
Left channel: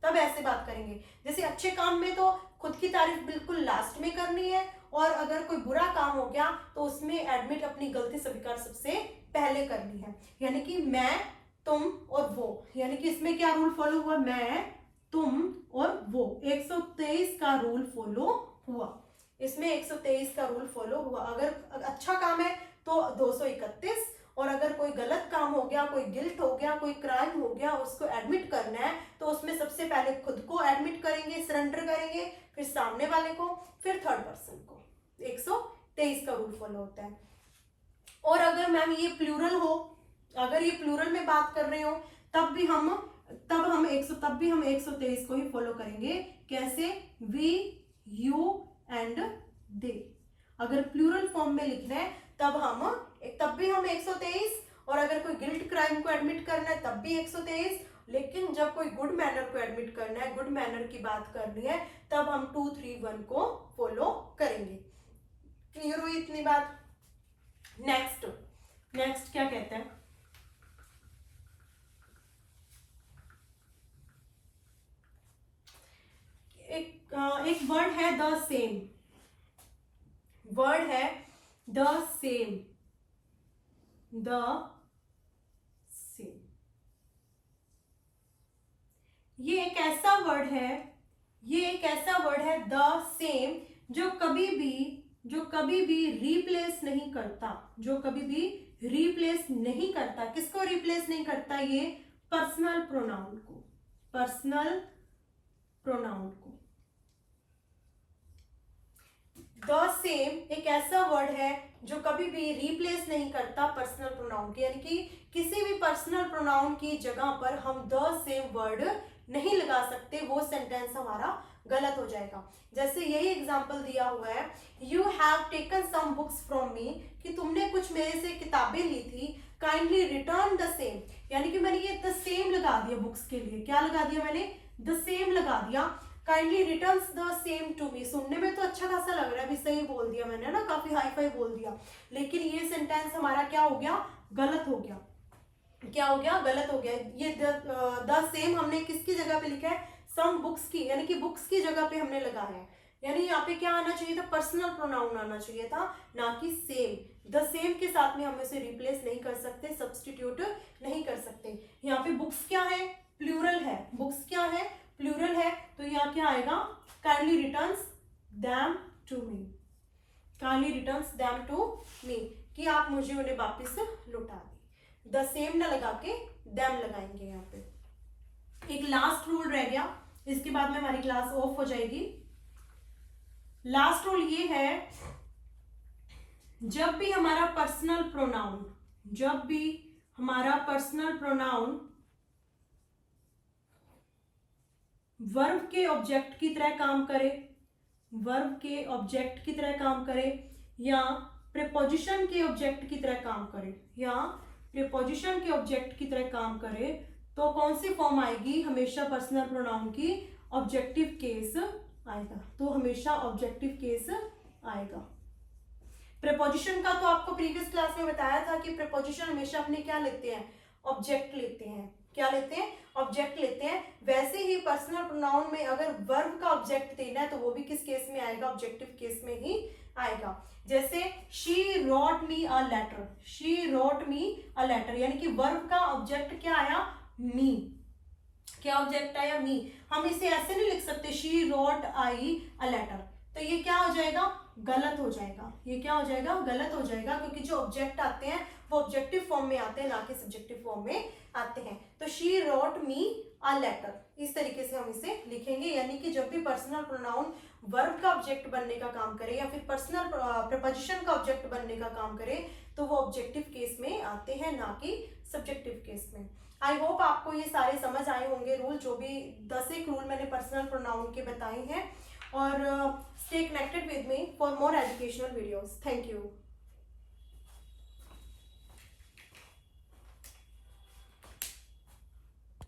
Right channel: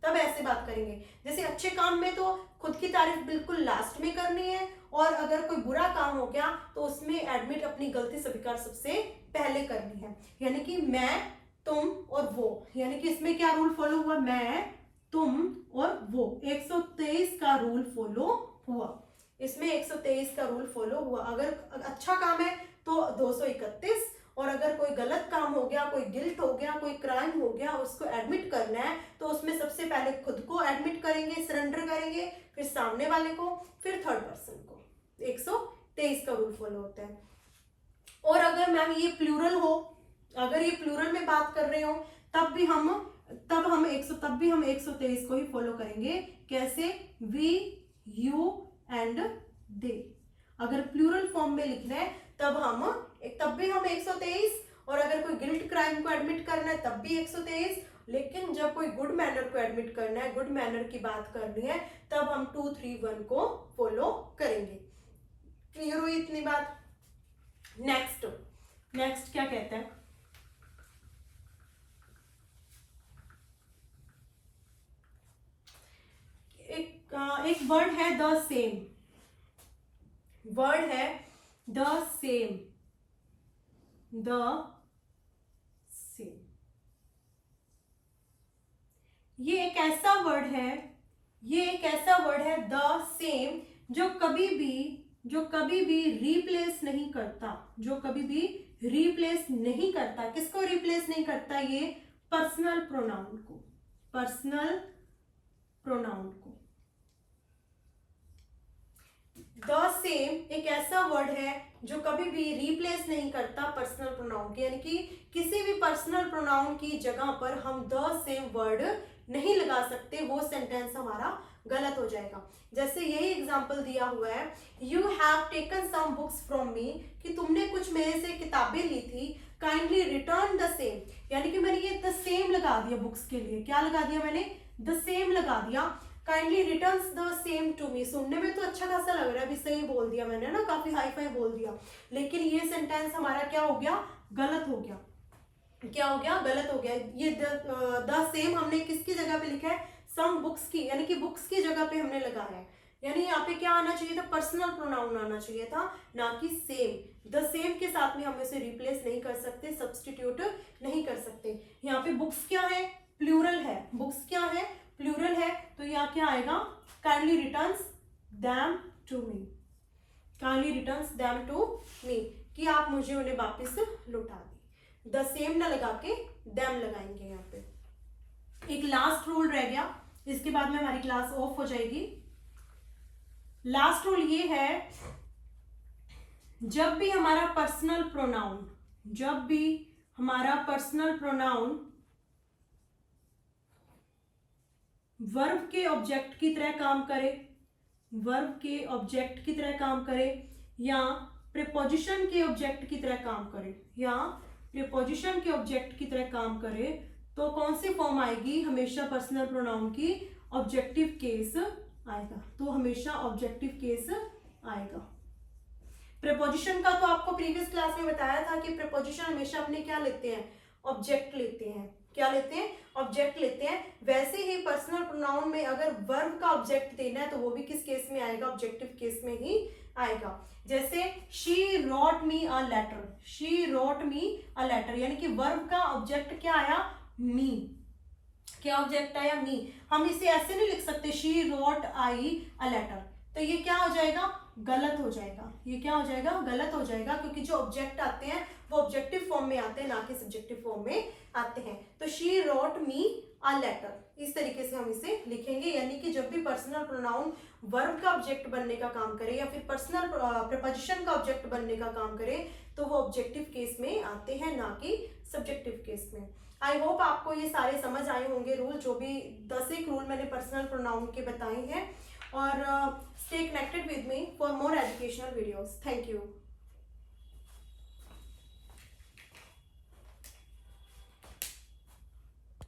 तब ऐसे बात करेंगे। जैसे अच्छे काम में तो खुद की तारीफ बिल्कुल लास्ट में करनी है, और अगर कोई बुरा काम हो गया तो उसमें एडमिट, अपनी गलती स्वीकार सबसे पहले करनी है। यानी कि मैं, तुम और वो, यानी कि इसमें क्या रूल फॉलो हुआ? मैं, तुम और वो, 123 का रूल फॉलो हुआ। इसमें 123 का रूल फॉलो हुआ। अगर अच्छा काम है तो 231, और अगर कोई गलत काम हो गया, कोई गिल्ट हो गया, कोई क्राइम हो गया, उसको एडमिट करना है, तो उसमें सबसे पहले खुद को एडमिट करेंगे, सरेंडर करेंगे, फिर सामने वाले को, फिर थर्ड पर्सन को। 123 का रूल फॉलो होता है। और अगर मैम ये प्लूरल हो, अगर ये प्लूरल में बात कर रहे हो, तब भी हम 123 को ही फॉलो करेंगे। कैसे? We, you and they. अगर प्लूरल फॉर्म में लिखना है तब भी हम 123, और अगर कोई गिल्ट क्राइम को एडमिट करना है तब भी 123, लेकिन जब कोई गुड मैनर को एडमिट करना है, गुड मैनर की बात करनी है, तब हम 2 3 1 को फॉलो करेंगे। क्लियर हुई इतनी बात? नेक्स्ट क्या कहता है? एक वर्ड है द सेम, वर्ड है द सेम, द सेम। ये एक ऐसा वर्ड है ये एक ऐसा वर्ड है द सेम जो कभी भी रिप्लेस नहीं करता, जो कभी भी रिप्लेस नहीं करता। किसको रिप्लेस नहीं करता? ये पर्सनल प्रोनाउन को, पर्सनल प्रोनाउन को। द सेम एक ऐसा वर्ड है जो कभी भी रिप्लेस नहीं करता पर्सनल प्रोनाउन के, यानी कि किसी भी पर्सनल प्रोनाउन की जगह पर हम द सेम वर्ड नहीं लगा सकते, वो सेंटेंस हमारा गलत हो जाएगा। जैसे यही एग्जांपल दिया हुआ है, you have taken some books from me, कि तुमने कुछ मेरे से किताबें ली थी, काइंडली रिटर्न द सेम, यानी कि मैंने ये द सेम लगा दिया बुक्स के लिए। क्या लगा दिया मैंने? द सेम लगा दिया। Kindly returns the same to me, सुनने में तो अच्छा खासा लग रहा है, अभी सही बोल दिया मैंने ना, काफी हाई फाई बोल दिया, लेकिन ये सेंटेंस हमारा क्या हो गया? गलत हो गया। क्या हो गया? गलत हो गया। ये द सेम हमने किसकी जगह पे लिखा है? सम बुक्स की, यानी कि बुक्स की जगह पे हमने लगाया है। यानी यहाँ पे क्या आना चाहिए था? पर्सनल प्रोनाउन आना चाहिए था, ना कि सेम। द सेम के साथ में हम इसे रिप्लेस नहीं कर सकते, सब्सटीट्यूट नहीं कर सकते। यहाँ पे बुक्स क्या है? प्लूरल है। बुक्स क्या है? प्लूरल है। तो यहाँ क्या आएगा? Kindly returns them to me, kindly returns them to me, कि आप मुझे उन्हें वापस लौटा दें। द सेम ना लगा के देम लगाएंगे यहाँ पे। एक लास्ट रूल रह गया, इसके बाद में हमारी क्लास ऑफ हो जाएगी। लास्ट रूल ये है, जब भी हमारा पर्सनल प्रोनाउन, जब भी हमारा पर्सनल प्रोनाउन वर्ब के ऑब्जेक्ट की तरह काम करे, वर्ब के ऑब्जेक्ट की तरह काम करे, या प्रीपोजिशन के ऑब्जेक्ट की तरह काम करे, या प्रीपोजिशन के ऑब्जेक्ट की तरह काम करे, तो कौन सी फॉर्म आएगी? हमेशा पर्सनल प्रोनाउन की ऑब्जेक्टिव केस आएगा। तो हमेशा ऑब्जेक्टिव केस आएगा। प्रीपोजिशन का तो आपको प्रीवियस क्लास में बताया था कि प्रीपोजिशन हमेशा अपने क्या लेते हैं? ऑब्जेक्ट लेते हैं। क्या लेते हैं? ऑब्जेक्ट लेते हैं। वैसे ही पर्सनल प्रोनाउन में अगर वर्ब का ऑब्जेक्ट देना है तो वो भी किस केस में आएगा? ऑब्जेक्टिव केस में ही आएगा। जैसे she wrote me a letter, she wrote me a letter, यानी कि वर्ब का ऑब्जेक्ट क्या आया? मी। क्या ऑब्जेक्ट आया? मी। हम इसे ऐसे नहीं लिख सकते she wrote I a letter, तो ये क्या हो जाएगा? गलत हो जाएगा। ये क्या हो जाएगा? गलत हो जाएगा, क्योंकि जो ऑब्जेक्ट आते हैं वो ऑब्जेक्टिव फॉर्म में आते हैं, ना कि सब्जेक्टिव फॉर्म में आते हैं। तो she wrote me a letter, इस तरीके से हम इसे लिखेंगे। यानी कि जब भी पर्सनल प्रोनाउन वर्ब का ऑब्जेक्ट बनने का काम करे या फिर पर्सनल प्रीपोजिशन का ऑब्जेक्ट बनने का काम करे, तो वो ऑब्जेक्टिव केस में आते हैं, ना कि सब्जेक्टिव केस में। आई होप आपको ये सारे समझ आए होंगे रूल, जो भी 10 एक रूल मैंने पर्सनल प्रोनाउन के बताए हैं। और stay connected with me for more educational videos. Thank you.